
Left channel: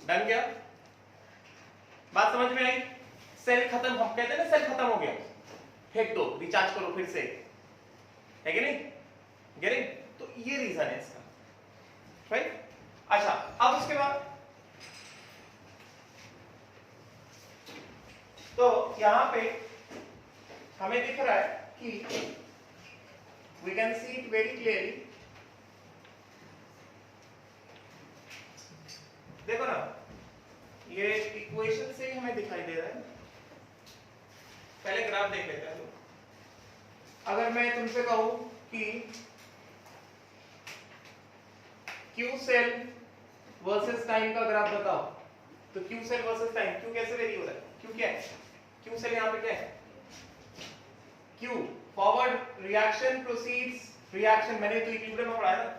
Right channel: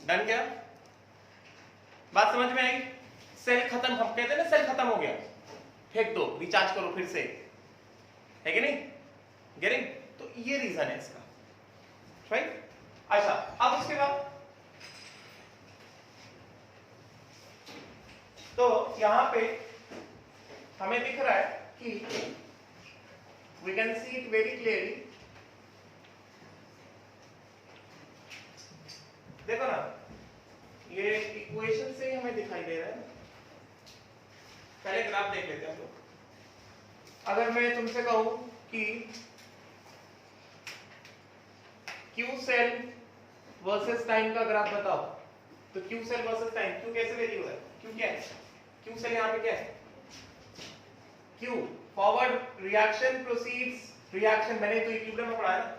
डन क्या? बात समझ में आई? सेल खत्म, हम कहते हैं ना सेल खत्म हो गया, फेंक दो, रिचार्ज करो फिर से, है कि नहीं? गेटिंग? तो ये रीजन है इसका, राइट? अच्छा, अब उसके बाद तो यहां पे हमें दिख रहा है कि we can see it very clearly, देखो ना, ये इक्वेशन से ही हमें दिखाई दे रहा है। पहले ग्राफ देख लेते हैं हम लोग। अगर मैं तुमसे कहूं कि क्यू सेल वर्सेस टाइम का ग्राफ बताओ, तो Q cell versus time, Q कैसे वेरी हो रहा है? क्यू क्या है? क्यू सेल यहाँ पे क्या है? Q forward reaction proceeds, reaction मैंने तो इक्विलिब्रियम में पढ़ा है ना,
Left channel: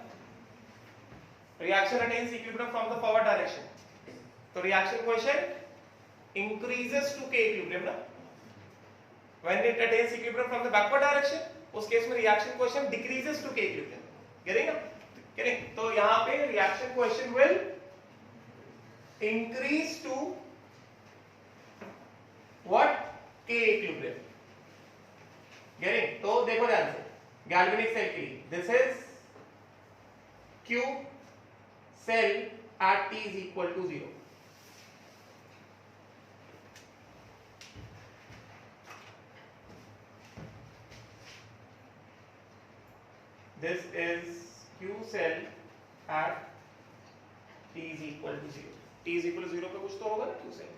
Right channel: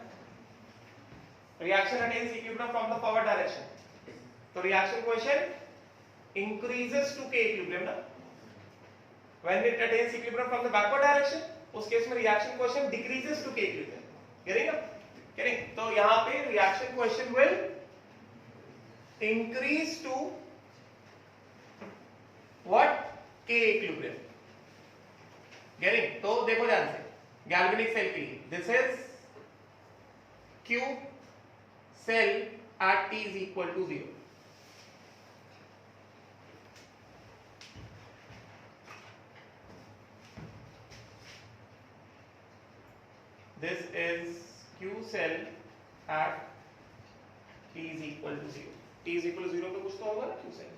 reaction attains equilibrium from the forward direction, तो reaction quotient increases to k equilibrium ना, when it attains equilibrium from the backward direction, उस केस में reaction quotient decreases to k equilibrium, getting up? getting? तो यहाँ पे reaction quotient will increase to what? k equilibrium, getting? तो देखो ध्यान से, galvanic cell के लिए this is q cell at t is equal to 0. This is q cell at t is equal to 0. t is equal to 0 पे कुछ तो होगा ना q cell,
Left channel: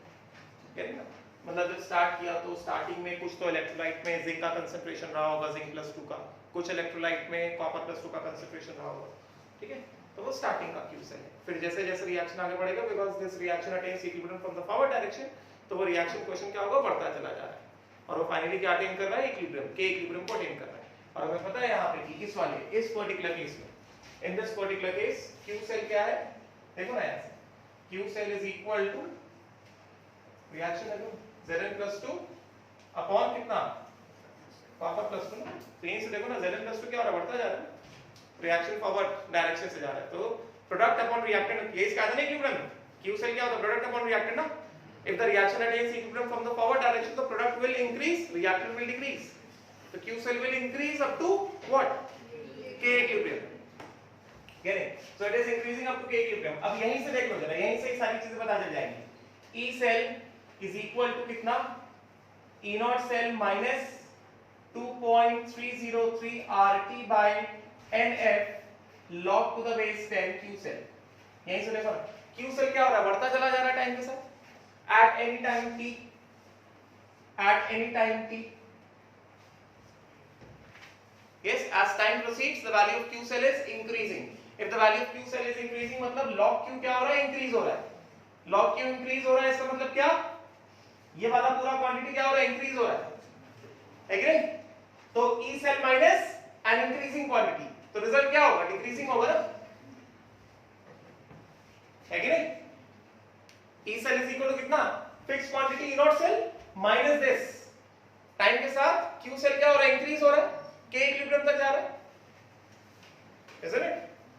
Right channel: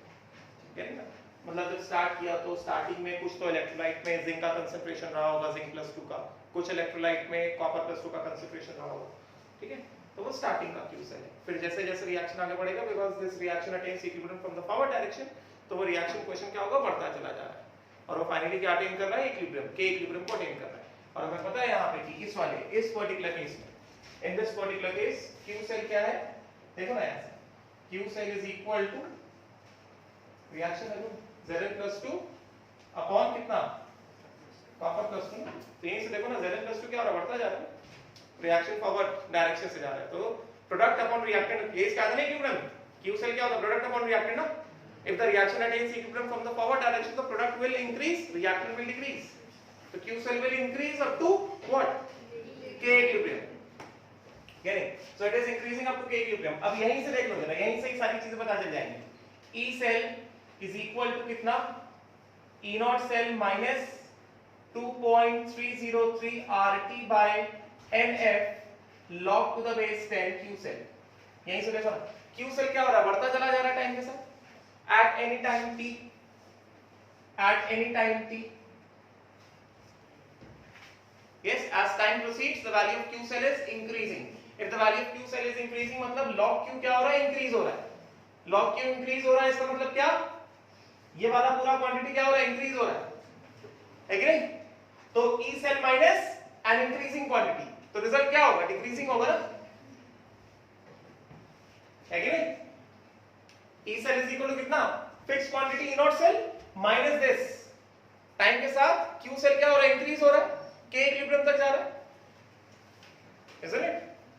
ठीक है ना? मतलब जब स्टार्ट किया तो स्टार्टिंग में कुछ तो इलेक्ट्रोलाइट में जिंक का कंसंट्रेशन रहा होगा, जिंक +2 का, कुछ इलेक्ट्रोलाइट में कॉपर +2 का कंसंट्रेशन रहा होगा, ठीक है? तो वो स्टार्टिंग का क्यू सेल है। फिर जैसे जैसे रिएक्शन आगे बढ़ेगा, because this reaction attains equilibrium from the forward direction, तो वो रिएक्शन क्वेश्चन क्या होगा? बढ़ता चला जा रहा है, और वो फाइनली क्या अटेन कर रहा है? इक्विलिब्रियम, के इक्विलिब्रियम को अटेन कर रहा है। और हमें पता है यहाँ पे कि इस वाले, इस पर्टिकुलर केस में, in this particular case Q cell क्या है? देखो ना यहाँ से, Q cell is equal to reaction है Zn+2 अपॉन कितना? कॉपर +2 ना, तो यहीं से देखो ना Zn+2 क्या हो रहा है? बढ़ता जा रहा है, रिएक्शन फॉरवर्ड डायरेक्शन से जा रहा है, तो प्रोडक्ट अपॉन रिएक्टेंट, ये इसका ना इक्विलिब्रियम, क्यू सेल क्या होता है? प्रोडक्ट अपॉन रिएक्टेंट ना, if the reaction attains equilibrium from the forward direction, the product will increase, reactant will decrease, तो Q cell will increase up to what? K equilibrium, getting? So it is increasing up to K equilibrium. अब यहीं से देख लो जरा, यहीं से ही सारी चीजें पता चल जाएंगी। E cell is equal to कितना? E not cell minus 2.303 RT by NF log to the base 10 Q cell। यहीं से देखो ना, Q cell क्या हो रहा है? बढ़ता चला जा रहा है टाइम के साथ, at any time t, at any time t, yes, as time proceeds the value of Q cell is increasing, if the value of Q cell is increasing मतलब log Q क्या हो रहा है? इंक्रीज हो रहा है, log Q इंक्रीज हो रहा है, इसका मतलब क्या? ये वाला पूरा क्वांटिटी क्या हो रहा है? इंक्रीज हो रहा है कि नहीं? तो E cell minus an increasing quantity, तो रिजल्ट क्या होगा? डिक्रीजिंग होगा ना, है कि नहीं? E cell is equal to कितना? Fix quantity E not cell minus this, time के साथ Q cell क्या हो रहा है? इंक्रीज हो रहा है, K इक्विलिब्रियम तक जा रहा है, isn't it?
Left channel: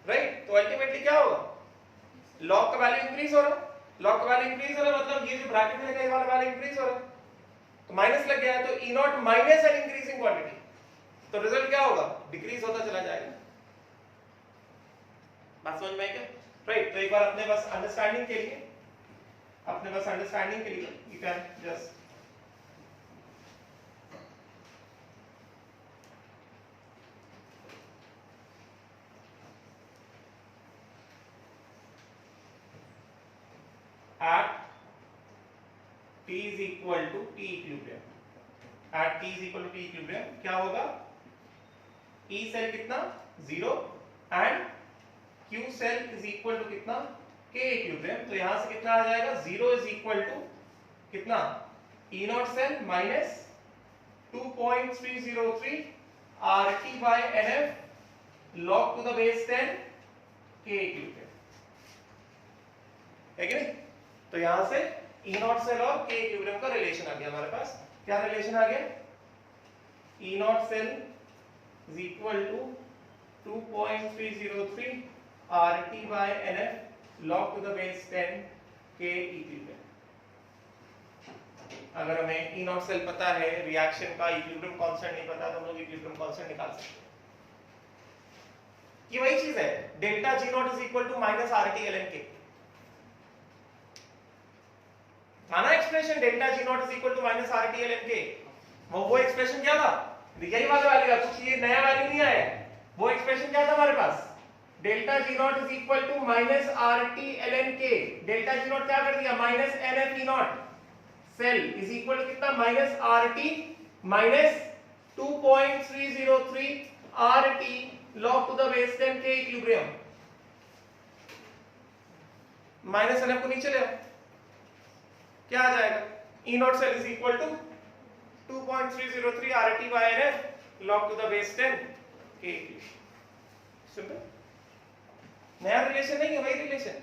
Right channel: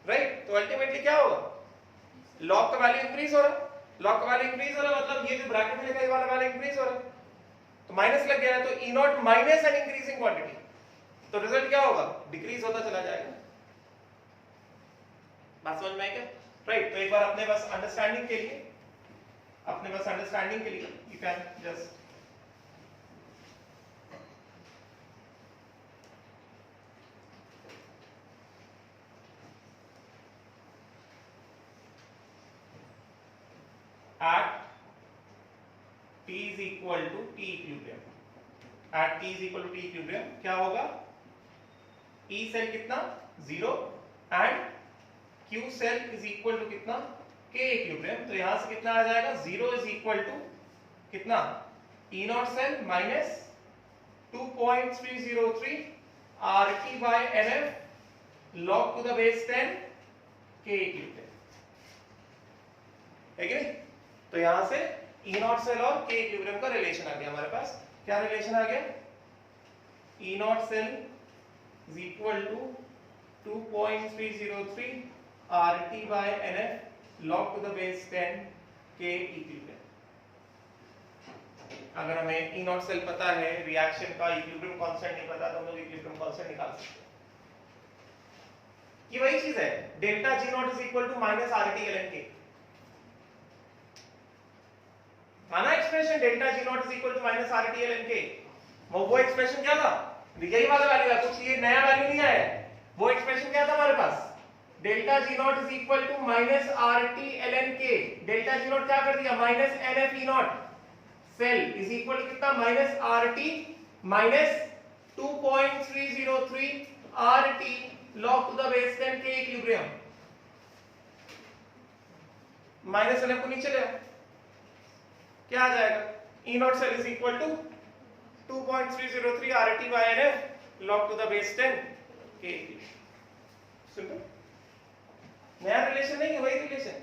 राइट? तो अल्टीमेटली क्या होगा? लॉग का वैल्यू इंक्रीज हो रहा है, लॉग का वैल्यू इंक्रीज हो रहा है मतलब ये जो ब्रैकेट में लिखा है ये वाला वैल्यू इंक्रीज हो रहा है, तो माइनस लग गया है, तो E not minus an increasing quantity, तो रिजल्ट क्या होगा? डिक्रीज होता चला जाएगा। बात समझ में आई क्या? राइट? तो एक बार अपने बस अंडरस्टैंडिंग के लिए, अपने बस अंडरस्टैंडिंग के लिए you can just at t is equal to t equilibrium, at t is equal to t equilibrium क्या होगा? E cell कितना? 0 and Q cell is equal to कितना? K equilibrium, तो यहां से कितना आ जाएगा? 0 is equal to कितना? E naught cell minus 2.303 RT by NF log to the base 10 K equilibrium, है कि नहीं? तो यहां से E नॉट सेल और K इक्विलिब्रियम का रिलेशन आ गया हमारे पास। क्या रिलेशन आ गया? E not cell is equal to 2.303 RT by NF log to the base 10 K equilibrium. अगर हमें ई नॉट सेल पता है, रिएक्शन का इक्विलिब्रियम कांस्टेंट नहीं पता, तो हम लोग इक्विलिब्रियम कांस्टेंट निकाल सकते हैं। ये वही चीज है, delta G naught is equal to minus R T L N K. ना expression delta G naught is equal to minus R T L N K, वो एक्सप्रेशन क्या था, यही वाला वैल्यू है, कुछ ये नया वैल्यू नहीं आया है। वो एक्सप्रेशन क्या था हमारे पास, delta G naught is equal to minus R T L N K. Delta G naught क्या कर दिया, minus N F E not cell is equal to कितना, minus R T minus 2.303 R T log to the base 10 के equilibrium. Minus N F को नीचे ले, क्या आ जाएगा, E not cell is equal to 2.303 R T by N F log to the base 10 के equilibrium. Simple, नया relation नहीं है, वही रिलेशन।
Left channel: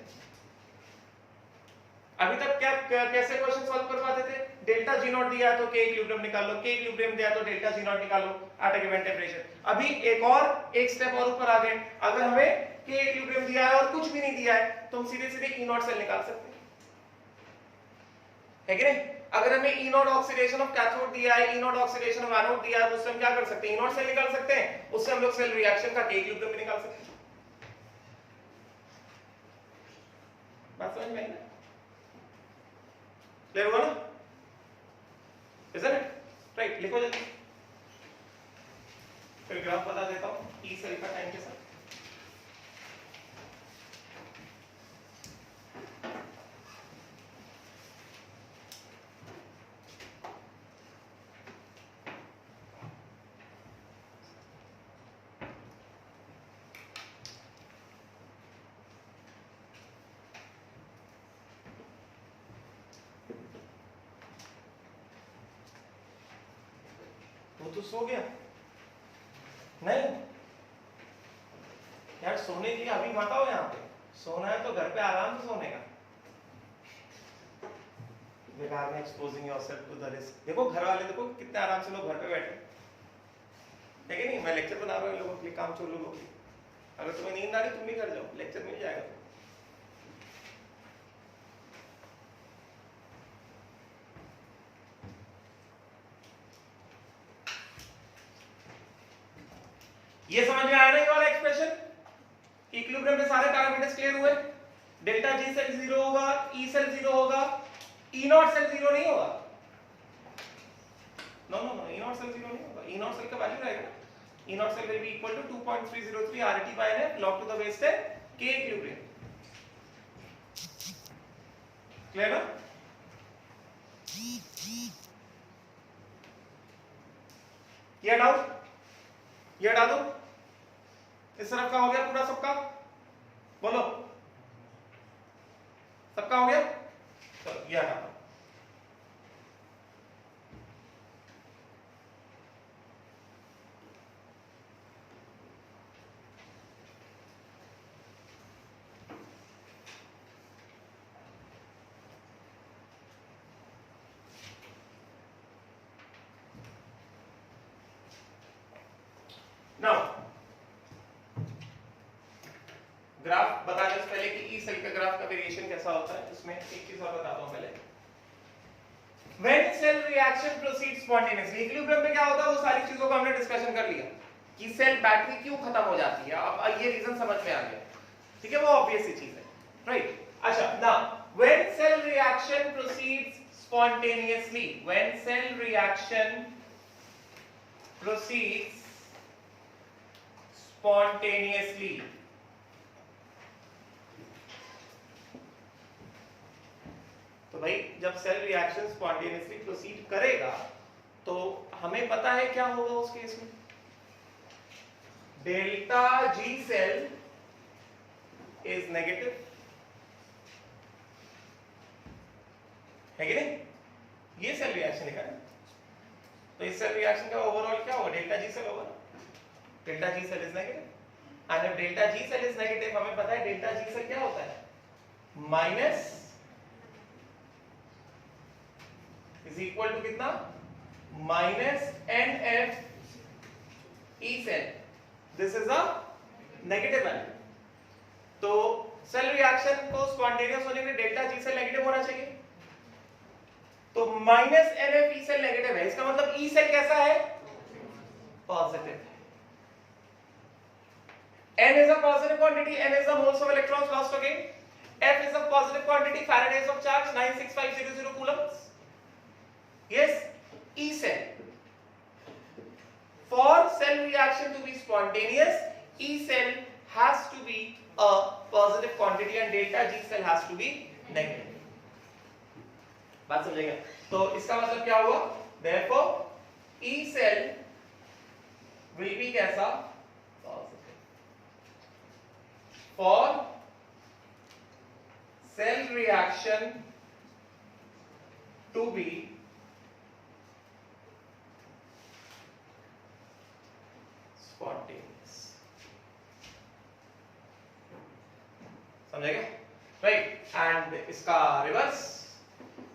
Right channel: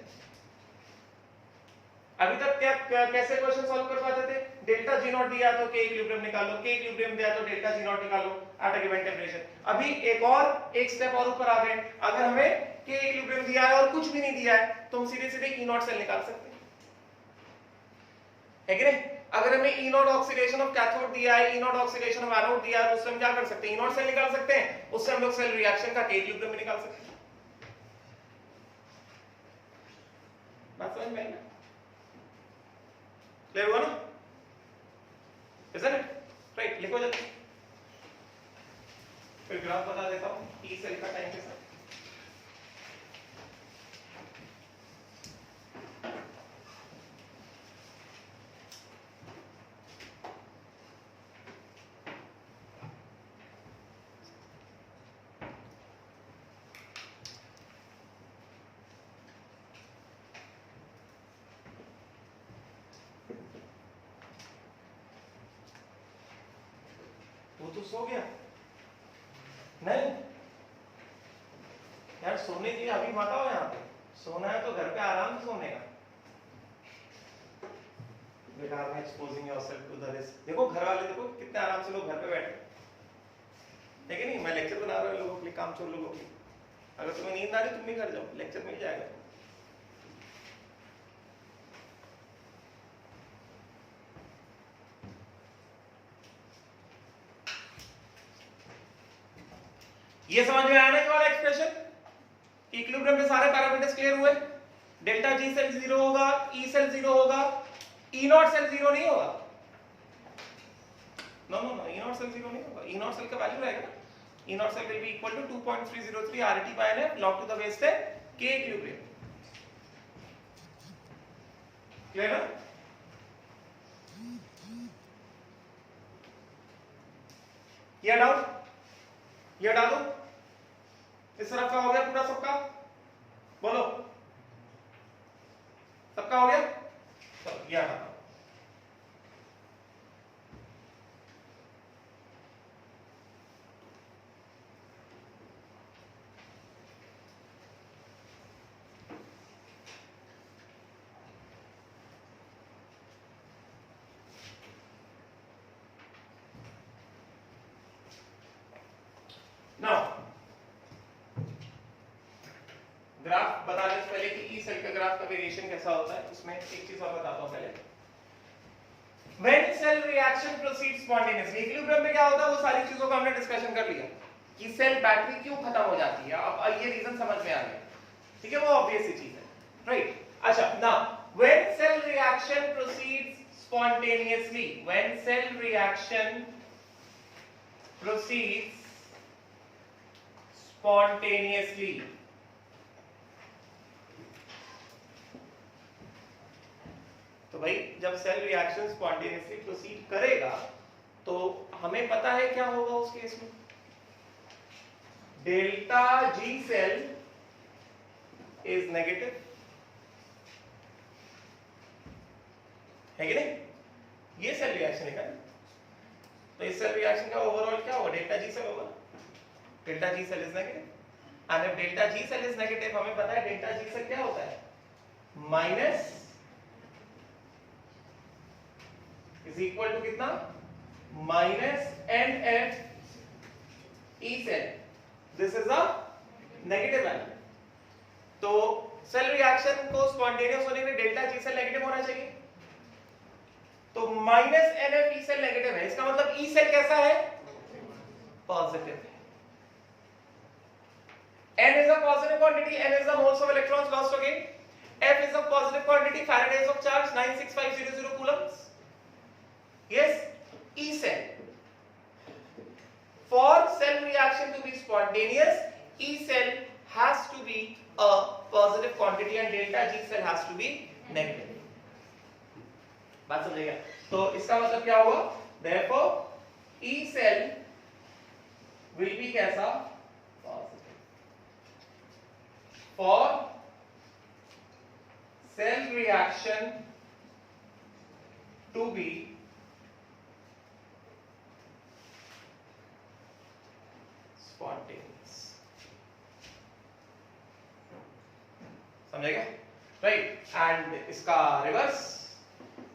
अभी तक क्या कैसे क्वेश्चन सॉल्व कर पाते थे, डेल्टा जी नॉट दिया तो के इक्विलिब्रियम निकालो, के इक्विलिब्रियम दिया तो डेल्टा जी नॉट निकालो एट अ गिवन टेंपरेचर। अभी एक स्टेप और ऊपर आ गए, अगर हमें के इक्विलिब्रियम दिया है और कुछ भी नहीं दिया है तो हम सीधे सीधे ई नॉट सेल निकाल सकते हैं, है कि नहीं। अगर हमें ई नॉट ऑक्सीडेशन ऑफ कैथोड दिया है, ई नॉट ऑक्सीडेशन ऑफ एनोड दिया है, तो उससे हम क्या कर सकते हैं, ई नॉट सेल निकाल सकते हैं, उससे हम लोग सेल रिएक्शन का के इक्विलिब्रियम भी निकाल सकते हैं। बात समझ में आई ना, क्लियर हुआ ना, isn't it? राइट, लिखो जल्दी, फिर ग्राफ बता देता हूं ई सेल का टाइम के साथ। तो सो गया नहीं यार, सोने की अभी मत आओ यहाँ पे, सोना है तो घर पे आराम से सोने का, बेकार में exposing yourself to the risk. देखो घर वाले, देखो कितने आराम से लोग घर पे बैठे, है कि नहीं। मैं लेक्चर बना रहा हूँ लोगों के लिए, काम चोर लोगों के लिए। अगर तुम्हें नींद आ रही तुम भी घर जाओ, लेक्चर मिल जाएगा। ये समझ में आया ना ये वाला एक्सप्रेशन, इक्विलिब्रियम में सारे पैरामीटर्स क्लियर हुए। डेल्टा जी सेल 0 होगा, ई सेल 0 होगा, ई नॉट सेल 0 नहीं होगा। No no no, E not cell 0 नहीं होगा, ई नॉट सेल का वैल्यू रहेगा, E not cell will be equal to 2.303 RT by N log to the base 10 के equilibrium. Clear है? ये डाउट, ये डालो, इस तरफ का हो गया पूरा सबका, बोलो सबका हो गया, चलो ये डालो। नाउ ग्राफ बताने से पहले कि ई सेल का ग्राफ का वेरिएशन कैसा होता है, उसमें एक चीज और बताता हूं पहले। When cell reaction proceeds spontaneously, equilibrium में क्या होता है, वो सारी चीजों का हमने डिस्कशन कर लिया कि सेल बैटरी क्यों खत्म हो जाती है। अब ये रीजन समझ में आ गया, ठीक है, वो ऑब्वियस सी चीज है, राइट। अच्छा, now when cell reaction proceeds spontaneously, when cell reaction proceeds spontaneously, तो भाई जब सेल रिएक्शन स्पॉन्टेनियसली प्रोसीड करेगा तो हमें पता है क्या होगा उस केस में, delta G cell is negative, है कि नहीं। ये सेल रिएक्शन है, तो इस सेल रिएक्शन का ओवरऑल क्या होगा, डेल्टा जी सेल होगा, delta G cell is negative. And if delta G cell is negative, हमें पता है डेल्टा जी सेल क्या होता है, माइनस इज इक्वल टू कितना, minus N F E cell, this is a negative value. तो cell reaction को spontaneous होने के लिए डेल्टा जी सेल नेगेटिव होना चाहिए। तो minus NF E cell negative है, इसका मतलब ई सेल कैसा है? पॉजिटिव है। N is a positive quantity, N is the moles of electrons lost again. F is a positive quantity, Faraday's of charge 96500 coulombs. Yes, E cell. For cell reaction to be spontaneous, E cell has to be a positive quantity and delta G cell has to be negative. बात समझिएगा? तो इसका मतलब क्या हुआ? Therefore, E cell will be कैसा? Positive. For cell reaction to be spontaneous. समझेगा? Right, and इसका रिवर्स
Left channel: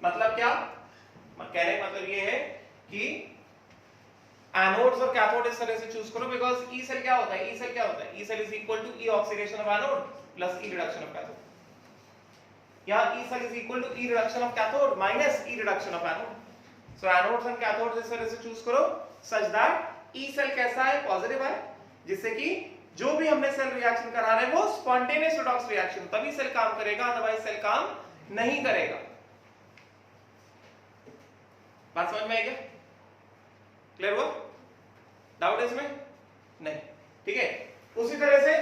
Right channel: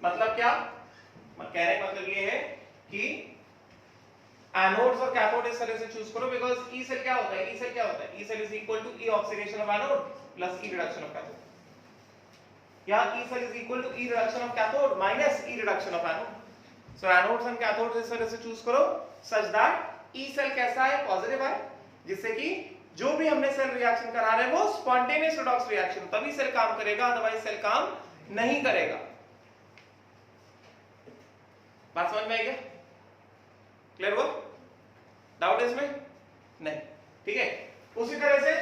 मतलब क्या? कहने का मतलब ये है कि एनोड्स और कैथोड इस तरह से चूज करो, बिकॉज ई सेल क्या होता है? ई सेल क्या होता है? E cell is equal to E oxidation of anode plus E reduction of cathode. यहां E cell is equal to E reduction of cathode minus E reduction of anode. So anodes and cathodes इस तरह से choose करो such that E cell कैसा है? Positive है, जिससे कि जो भी हमने सेल रिएक्शन करा रहे हैं वो स्पॉन्टेनियस रिडॉक्स रिएक्शन, तभी सेल काम करेगा, अदरवाइज सेल काम नहीं करेगा। बात समझ में आई क्या? क्लियर हुआ? डाउट है इसमें? नहीं, ठीक है। उसी तरह से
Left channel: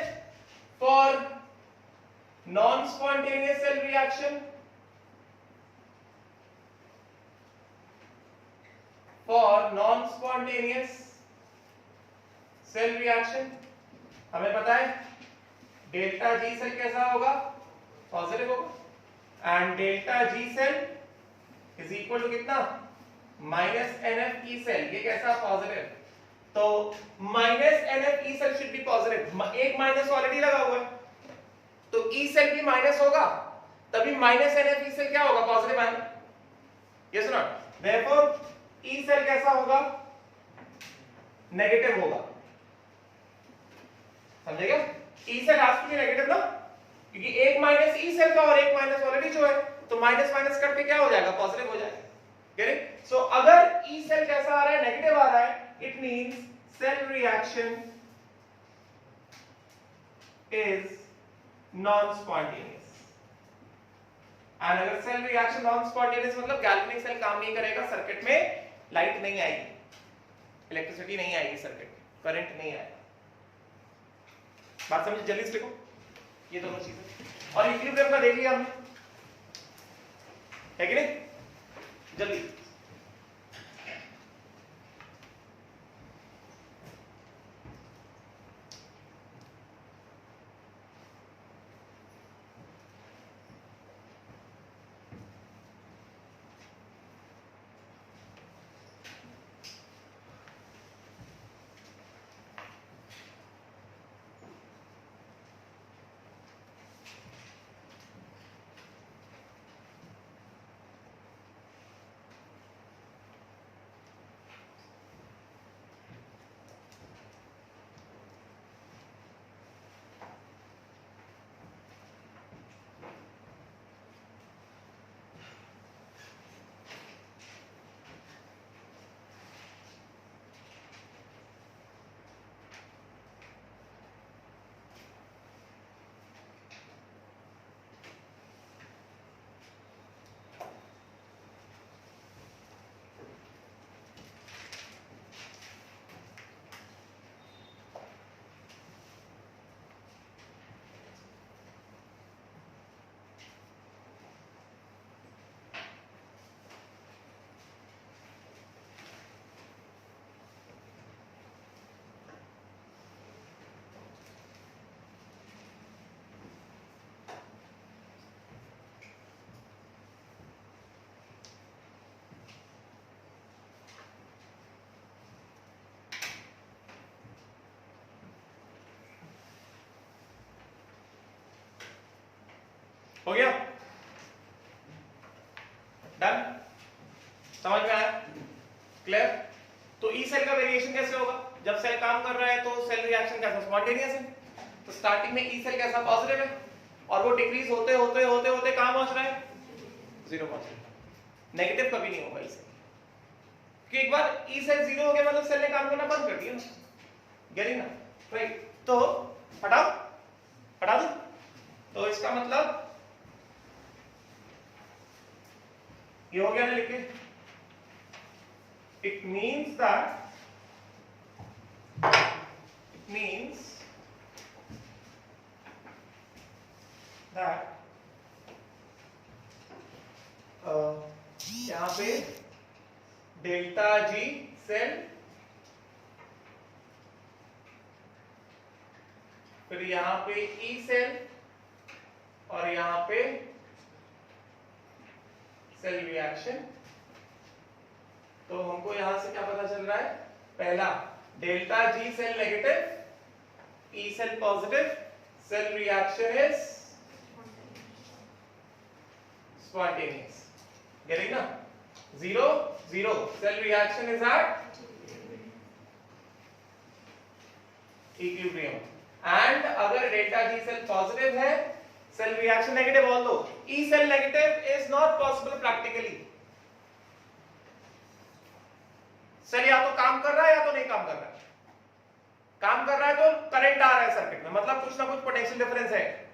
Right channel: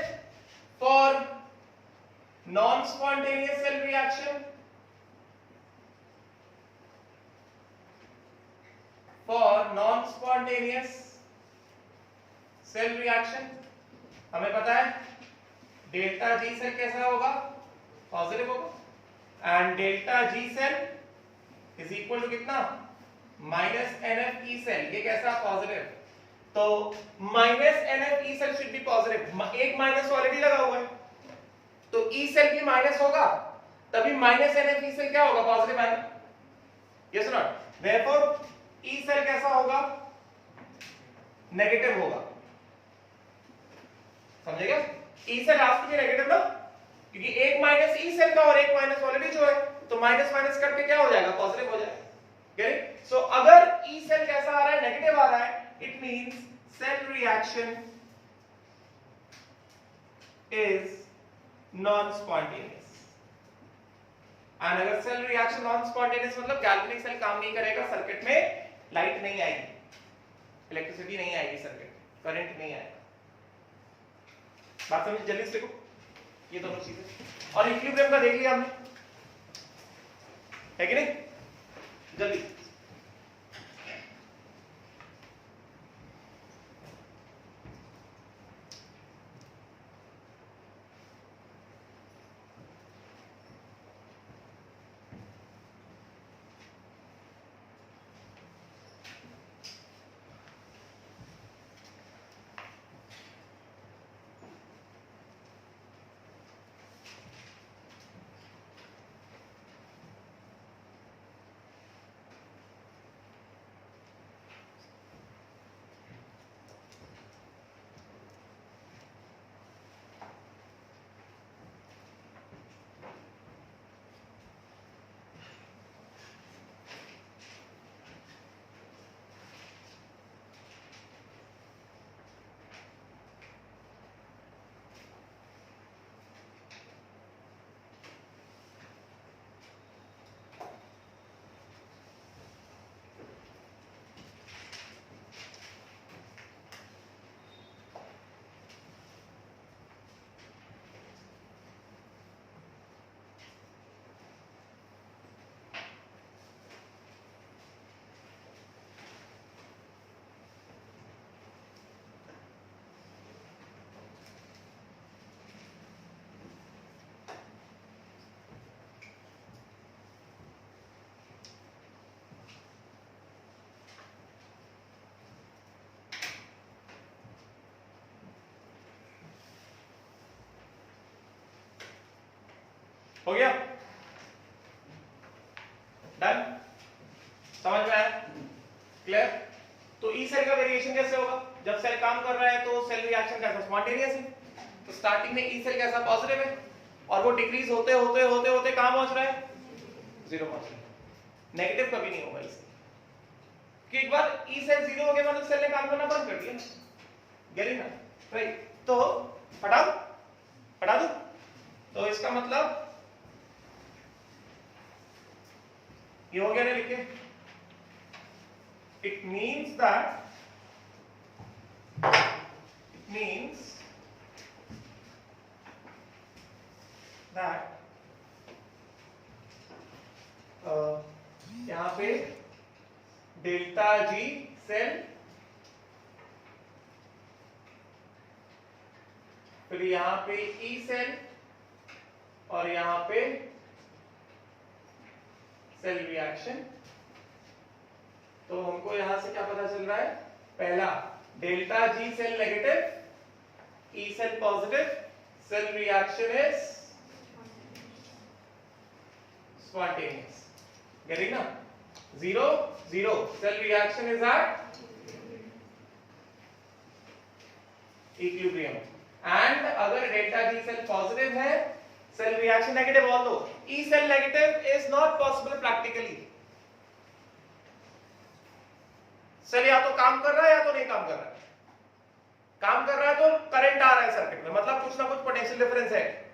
for non spontaneous cell reaction, for non spontaneous cell reaction हमें पता है डेल्टा जी सेल कैसा होगा? पॉजिटिव होगा, and delta G cell is equal to कितना? Minus NF E cell. ये कैसा? पॉजिटिव। तो minus NF E cell should be positive, एक माइनस ऑलरेडी लगा हुआ है, तो ई सेल भी माइनस होगा, तभी माइनस एनएफ ई सेल क्या होगा? पॉजिटिव आएगा। यस और नॉट? देयरफॉर ई सेल कैसा होगा? नेगेटिव होगा। समझेगा? E cell has to be negative ना, क्योंकि एक माइनस ई सेल का और एक माइनस ऑलरेडी जो है, तो माइनस माइनस करके क्या हो जाएगा? पॉजिटिव हो जाएगा। सो अगर ई सेल कैसा आ रहा है? नेगेटिव आ रहा है, it means cell reaction is non spontaneous. And अगर सेल रिएक्शन नॉन स्पॉन्टेनियस मतलब गैल्वेनिक सेल काम नहीं करेगा, सर्किट में लाइट नहीं आएगी, इलेक्ट्रिसिटी नहीं आएगी, सर्किट करंट नहीं आएगा। बात समझिए, जल्दी से देखो ये दोनों चीजें। और इक्विलिब्रियम का देख लिया हमने, है कि नहीं? जल्दी हो गया? डन? समझ में आया? क्लियर? तो ई सेल का वेरिएशन कैसे होगा? जब सेल काम कर रहा है तो सेल रिएक्शन कैसा? स्पॉन्टेनियस है। तो स्टार्टिंग में ई सेल कैसा? पॉजिटिव है, और वो डिक्रीज होते होते होते होते कहां पहुंच रहा है? 0 पहुंच रहा है। नेगेटिव कभी नहीं होगा इससे, कि एक बार ई सेल 0 हो गया मतलब सेल ने काम करना बंद कर दिया ना, गेटिंग ना, राइट। तो हटा दो, तो इसका मतलब ये हो गया ना लिखे, इट मीन्स दैट यहां पे डेल्टा जी सेल, फिर यहां पे ई सेल, और यहां पे सेल रिएक्शन। तो हमको यहां से क्या पता चल रहा है, पहला delta G cell negative, E cell positive, cell reaction is spontaneous, getting ना, 0 0, cell reaction is at equilibrium. And अगर डेल्टा जी सेल पॉजिटिव है, cell reaction negative, although E cell negative is not possible practically. Cell या तो काम कर रहा है या तो नहीं काम कर रहा है। काम कर रहा है तो करंट आ रहा है सर्किट में, मतलब कुछ ना कुछ पोटेंशियल डिफरेंस है,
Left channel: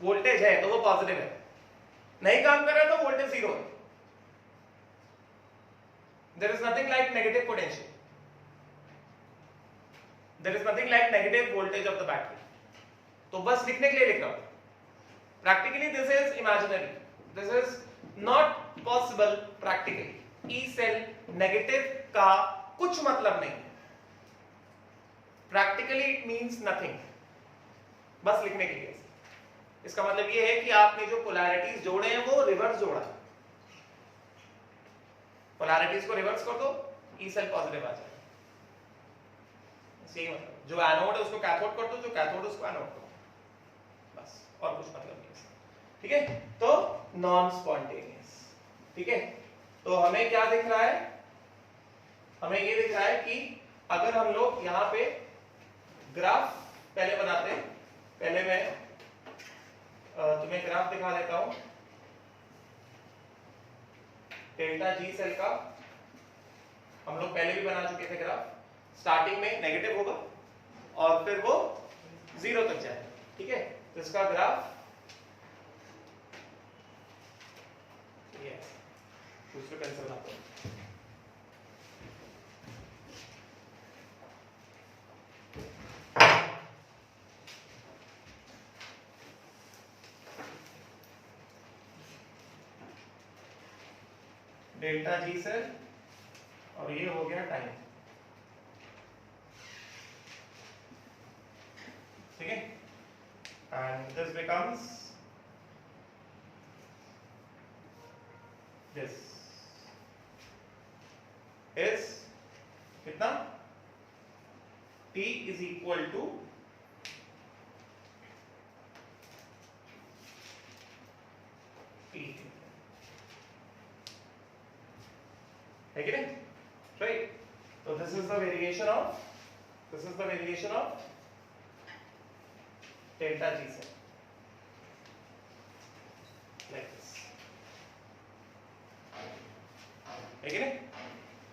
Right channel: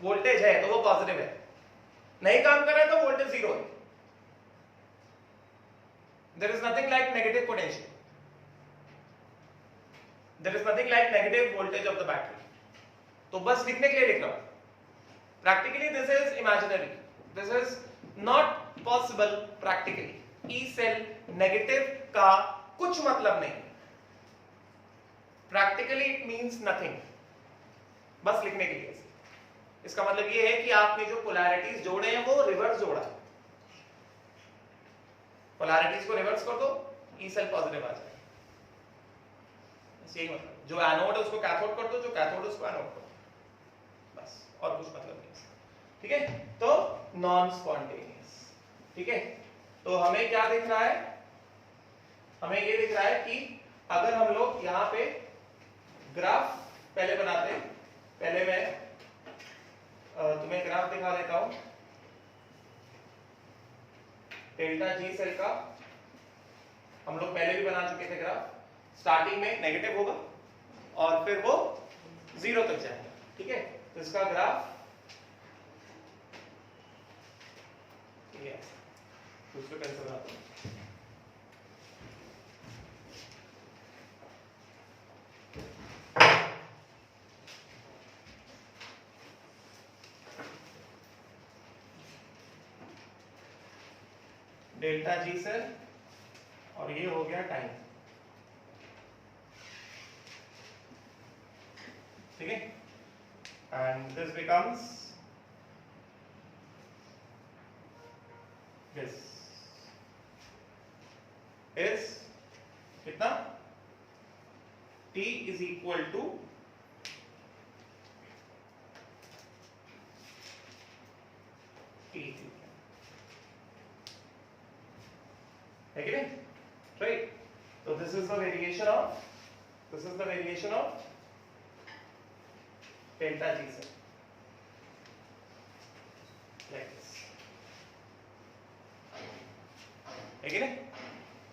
वोल्टेज है तो वो पॉजिटिव है। नहीं काम कर रहा है तो वोल्टेज 0 है। There is nothing like negative potential, there is nothing like negative voltage of the battery. तो बस लिखने के लिए लिख रहा हूं, practically this is imaginary, this is not possible practically। E cell negative का कुछ मतलब नहीं है, practically it means nothing, बस लिखने के लिए। इसका मतलब ये है कि आपने जो पोलैरिटीज जोड़े हैं वो रिवर्स जोड़ा है, पोलैरिटीज को रिवर्स कर दो, E cell पॉजिटिव आ जाए, यही मतलब। जो एनोड है उसको कैथोड कर दो, जो कैथोड है उसको एनोड कर दो, बस, और कुछ मतलब नहीं। ठीक है, तो नॉन स्पॉन्टेनियस। ठीक है, तो हमें क्या दिख रहा है, हमें ये दिख रहा है कि अगर हम लोग यहां पे ग्राफ पहले बनाते हैं, पहले मैं तुम्हें ग्राफ दिखा देता हूं डेल्टा जी सेल का। हम लोग पहले भी बना चुके थे ग्राफ। स्टार्टिंग में नेगेटिव होगा और फिर वो 0 तक जाएगा। ठीक है, तो इसका ग्राफ दूसरे पेन से बनाता हूं। डेल्टा जी सेल और ये हो गया टाइम। ठीक है, and this becomes this is कितना, t is equal to t, है कि नहीं, राइट। तो this is the variation of delta G cell, like this, है कि नहीं,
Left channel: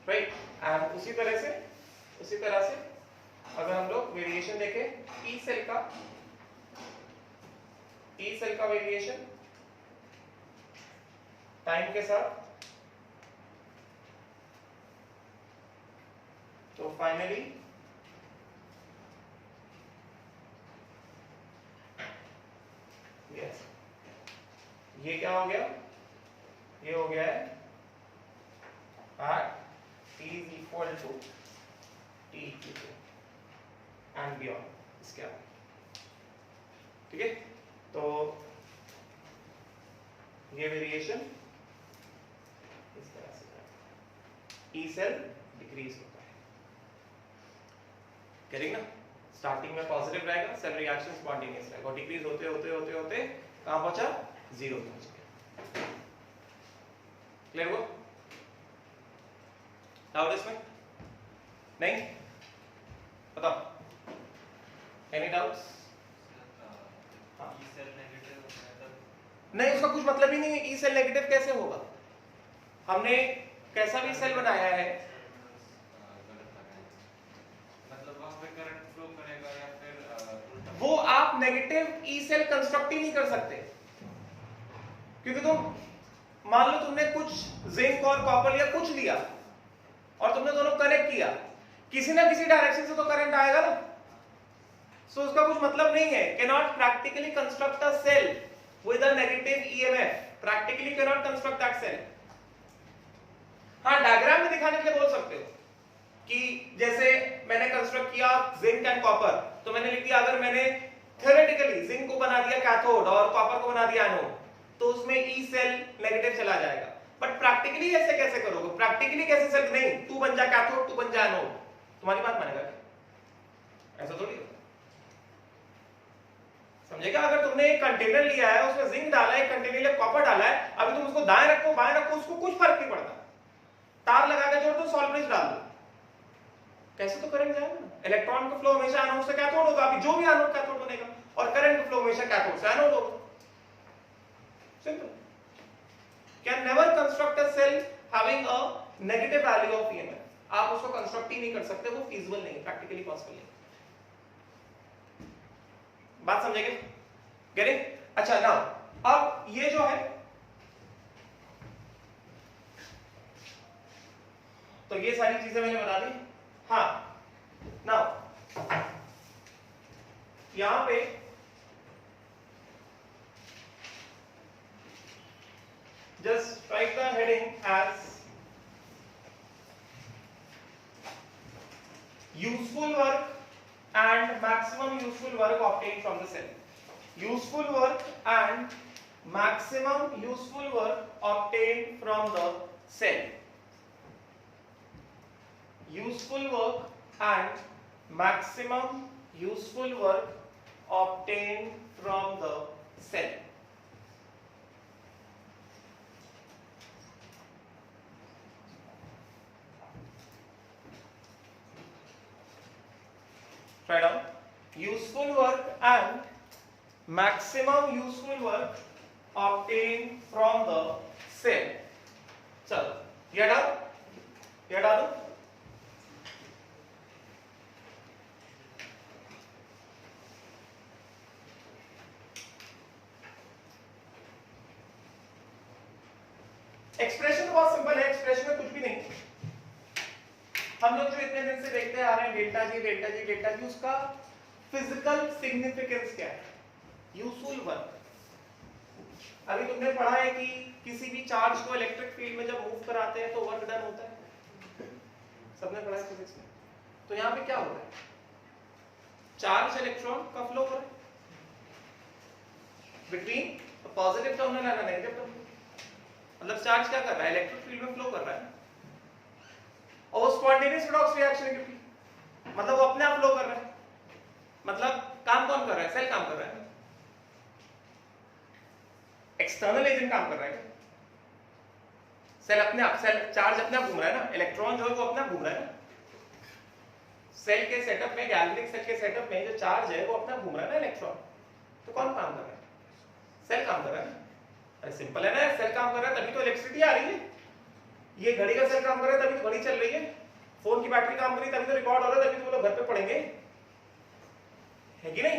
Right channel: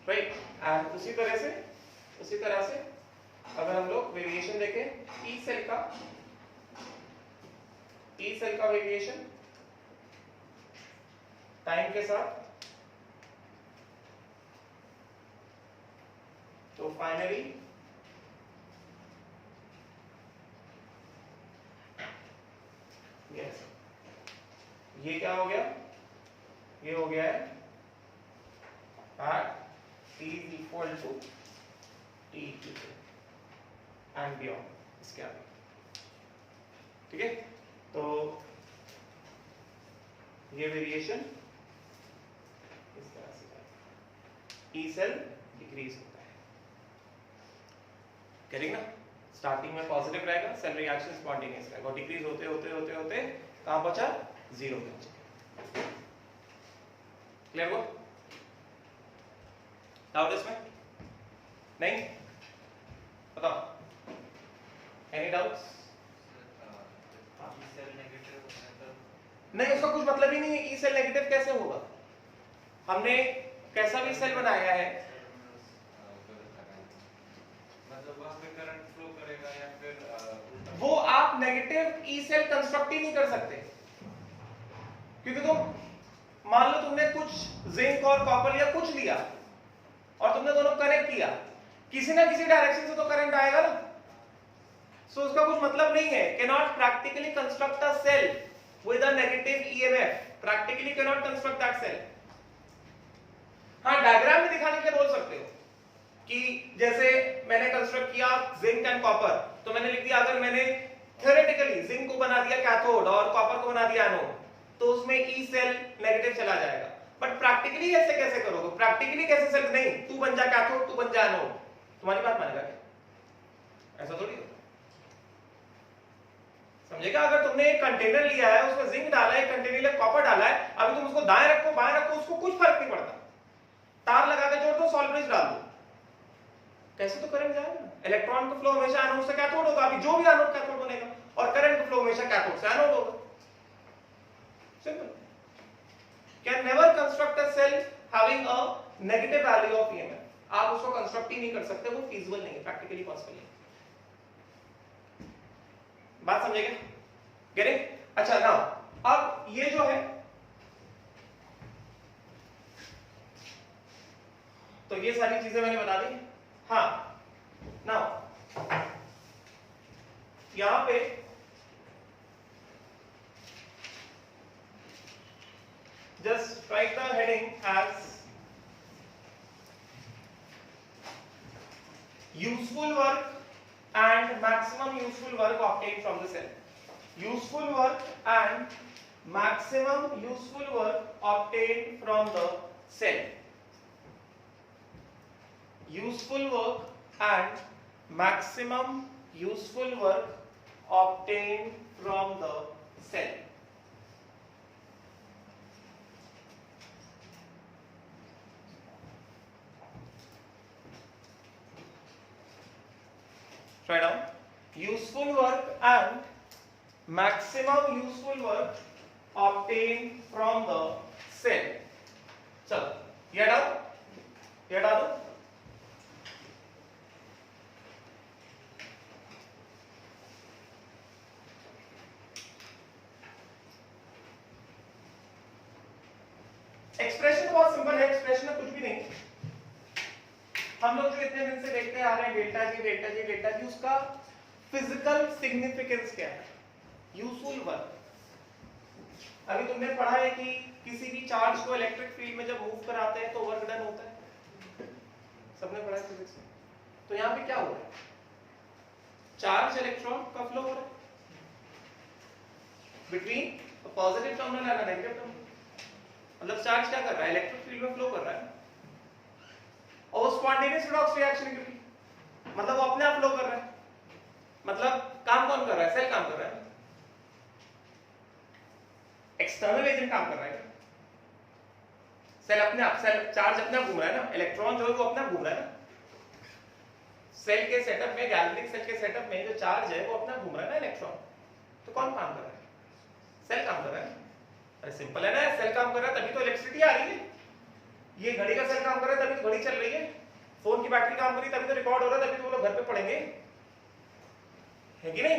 राइट। एंड उसी तरह से अगर हम लोग वेरिएशन देखें ई सेल का वेरिएशन टाइम के साथ, तो फाइनली यस, ये क्या हो गया, ये हो गया है at t is equal to t and beyond, इसके आगे। ठीक है, तो ये वेरिएशन इस तरह से जाएगा, ई सेल डिक्रीज होता है, करेंगे ना। स्टार्टिंग में पॉजिटिव रहेगा, सेल रिएक्शन स्पॉन्टेनियस रहेगा, और डिक्रीज होते होते होते होते कहां पहुंचा, 0 पहुंच गया। क्लियर हुआ डाउट इसमें? नहीं, बताओ, एनी डाउट्स? नहीं, उसका कुछ मतलब ही नहीं है, ई सेल नेगेटिव कैसे होगा, हमने कैसा भी सेल बनाया है, मतलब वहां पे करंट फ्लो करेगा या फिर वो आप नेगेटिव ई सेल कंस्ट्रक्ट ही नहीं कर सकते, क्योंकि तुम मान लो तुमने कुछ जिंक और कॉपर या कुछ दिया और तुमने दोनों कनेक्ट किया, किसी ना किसी डायरेक्शन से तो करंट आएगा ना, सो उसका कुछ मतलब नहीं है। Cannot practically construct a cell with a negative EMF, practically cannot construct that cell. हाँ, डायग्राम में दिखाने के लिए बोल सकते हो कि जैसे मैंने कंस्ट्रक्ट किया जिंक एंड कॉपर, तो मैंने लिख दिया अगर मैंने थ्योरेटिकली जिंक को बना दिया कैथोड और कॉपर को बना दिया एनोड, तो उसमें ई सेल नेगेटिव चला जाएगा। बट प्रैक्टिकली ऐसे कैसे करोगे? प्रैक्टिकली कैसे सेल? नहीं, तू बन जा कैथोड, तू बन जा एनोड, तुम्हारी बात मानेगा क्या? ऐसा थोड़ी होता है, समझेगा? अगर तुमने एक कंटेनर लिया है, उसमें जिंक डाला है, एक कंटेनर में कॉपर डाला है, अभी तुम उसको दाएं रखो बाएं रखो, उसको कुछ फर्क नहीं पड़ता, तार लगा के जोड़ दो, सॉल्वेंट डाल दो, कैसे तो करंट जाएगा ना। इलेक्ट्रॉन का फ्लो हमेशा एनोड से कैथोड होगा, अभी जो भी एनोड कैथोड बनेगा, और करंट का फ्लो हमेशा कैथोड से एनोड होगा। Simple. Can never construct a cell having a negative value of EMF, आप उसको कंस्ट्रक्ट ही नहीं कर सकते, वो फीजिबल नहीं है, प्रैक्टिकली पॉसिबल नहीं। बात समझेंगे? गेटिंग? अच्छा, नाउ अब ये जो है, तो ये सारी चीजें मैंने बता दी। हाँ, नाउ यहां पे just write the heading as useful work and maximum useful work obtained from the cell. Useful work and maximum useful work obtained from the cell. Useful work and maximum useful work obtained from the cell. Write down useful work and maximum useful work obtained from the cell. चलो ये डालो, expression बहुत simple है, expression में कुछ भी नहीं। हम लोग जो इतने दिन से देखते आ रहे हैं delta G delta G delta G, उसका फिजिकल सिग्निफिकेंस क्या है? Useful work. अभी तुमने पढ़ा है कि किसी भी चार्ज को इलेक्ट्रिक फील्ड में जब मूव कराते हैं तो वर्क डन होता है, सबने पढ़ा है फिजिक्स में। तो यहाँ पे क्या हो रहा है? चार्ज इलेक्ट्रॉन का फ्लो हो रहा है between positive terminal and negative terminal. मतलब चार्ज क्या कर रहा है? इलेक्ट्रिक फील्ड में फ्लो कर रहा है, और स्पॉन्टेनियस रिडॉक्स रिएक्शन है, क्योंकि मतलब वो अपने आप फ्लो कर रहा है। मतलब काम कौन कर रहा है? सेल काम कर रहा है, एक्सटर्नल एजेंट काम कर रहा है। सेल अपने आप, सेल चार्ज अपने आप घूम रहा है ना, इलेक्ट्रॉन जो है वो अपने आप घूम रहा है ना। सेल के सेटअप में, गैल्वेनिक सेल के सेटअप में जो चार्ज है वो अपने आप घूम रहा है ना इलेक्ट्रॉन। तो कौन काम कर रहा है? सेल काम कर रहा है। अरे सिंपल है ना, सेल काम कर रहा है तभी तो इलेक्ट्रिसिटी आ रही है। ये घड़ी का सेल काम कर रहा है तभी तो घड़ी चल रही है, फोन की बैटरी काम कर रही है तभी तो रिकॉर्ड हो रहा है, तभी तो वो लोग घर पे पढ़ेंगे, है कि नहीं?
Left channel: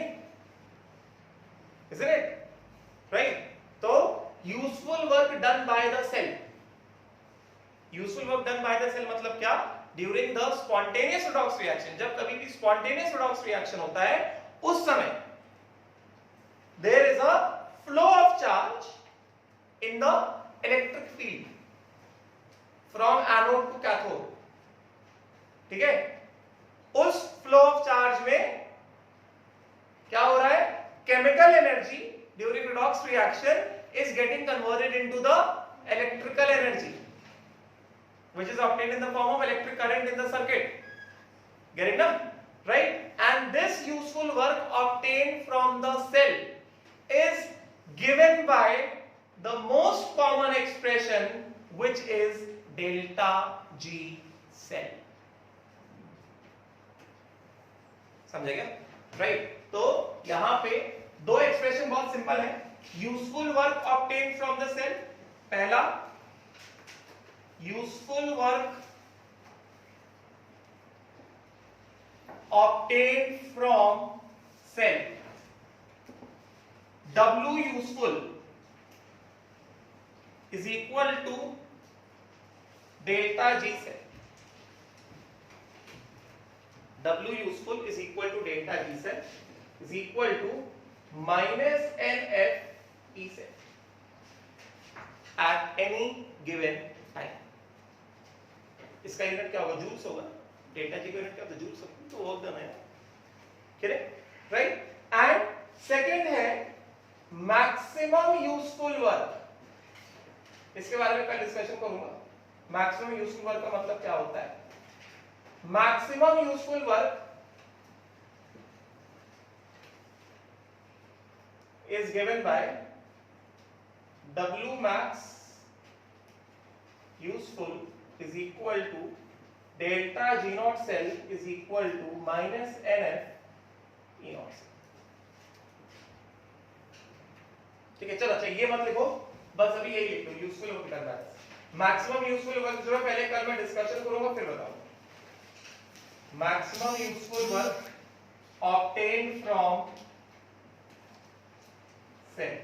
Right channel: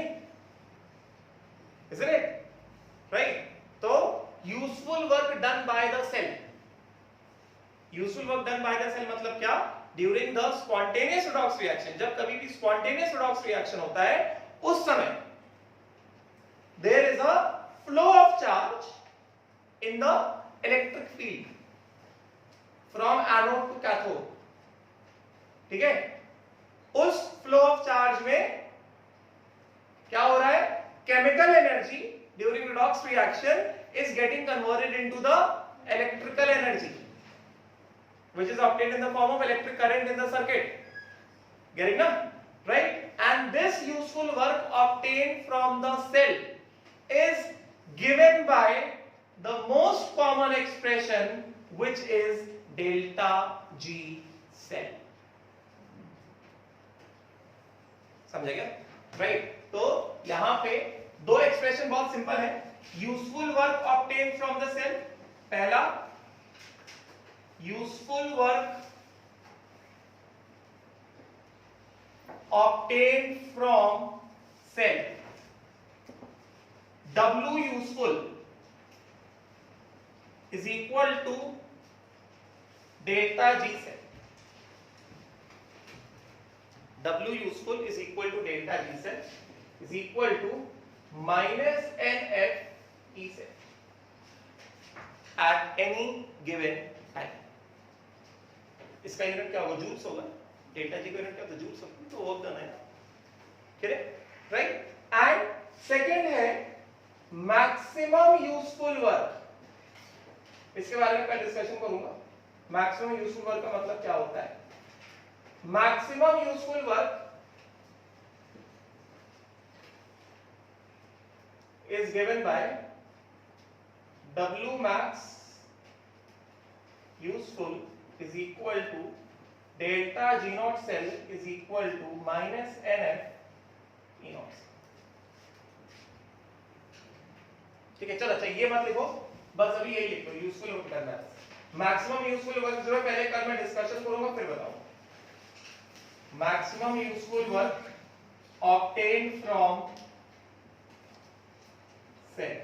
Isn't it? Right? तो useful work done by the cell, useful work done by the cell मतलब क्या? During the spontaneous redox reaction. जब कभी भी स्पॉन्टेनियस रिडॉक्स रिएक्शन होता है उस समय there is a flow of charge in the electric field from anode to cathode, ठीक है? उस फ्लो ऑफ चार्ज में क्या हो रहा है? Chemical energy during redox reaction is getting converted into the electrical energy which is obtained in the form of electric current in the circuit. Getting now? Right? And this useful work obtained from the cell is given by the most common expression which is delta G cell. समझे क्या? Right? तो यहां पे दो expression बहुत simple है। Useful work obtain from the cell, पहला useful work obtained from cell. W useful is equal to delta G cell. W useful is equal to delta G cell is equal to minus NF E cell at any given time. इसका unit क्या होगा? Joules होगा. Delta जी का unit क्या होता है? Joules होगा. तो वर्क डन है ना. Correct, right. एंड सेकंड है मैक्सिमम यूजफुल वर्क. इसके बारे में कल डिस्कशन करूंगा. मैक्सिमम यूजफुल वर्क का मतलब क्या होता है? Maximum useful work is given by W max useful is equal to delta G naught cell is equal to minus NF E naught cell. ठीक है, चलो अच्छा ये मत लिखो, बस अभी यही लिख लो. यूजफुल वर्क करना है. मैक्सिमम यूजफुल वर्क जो है पहले कल मैं डिस्कशन करूंगा फिर बताऊंगा. Maximum useful work obtained from cell.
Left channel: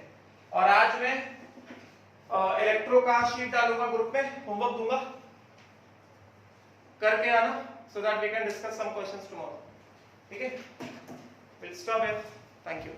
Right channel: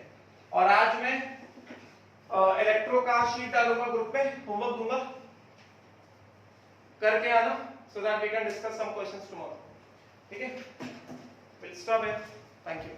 और आज मैं इलेक्ट्रो का शीट डालूंगा ग्रुप में, होमवर्क दूंगा, करके आना so that we can discuss some questions tomorrow. ठीक है, we'll stop here. Thank you.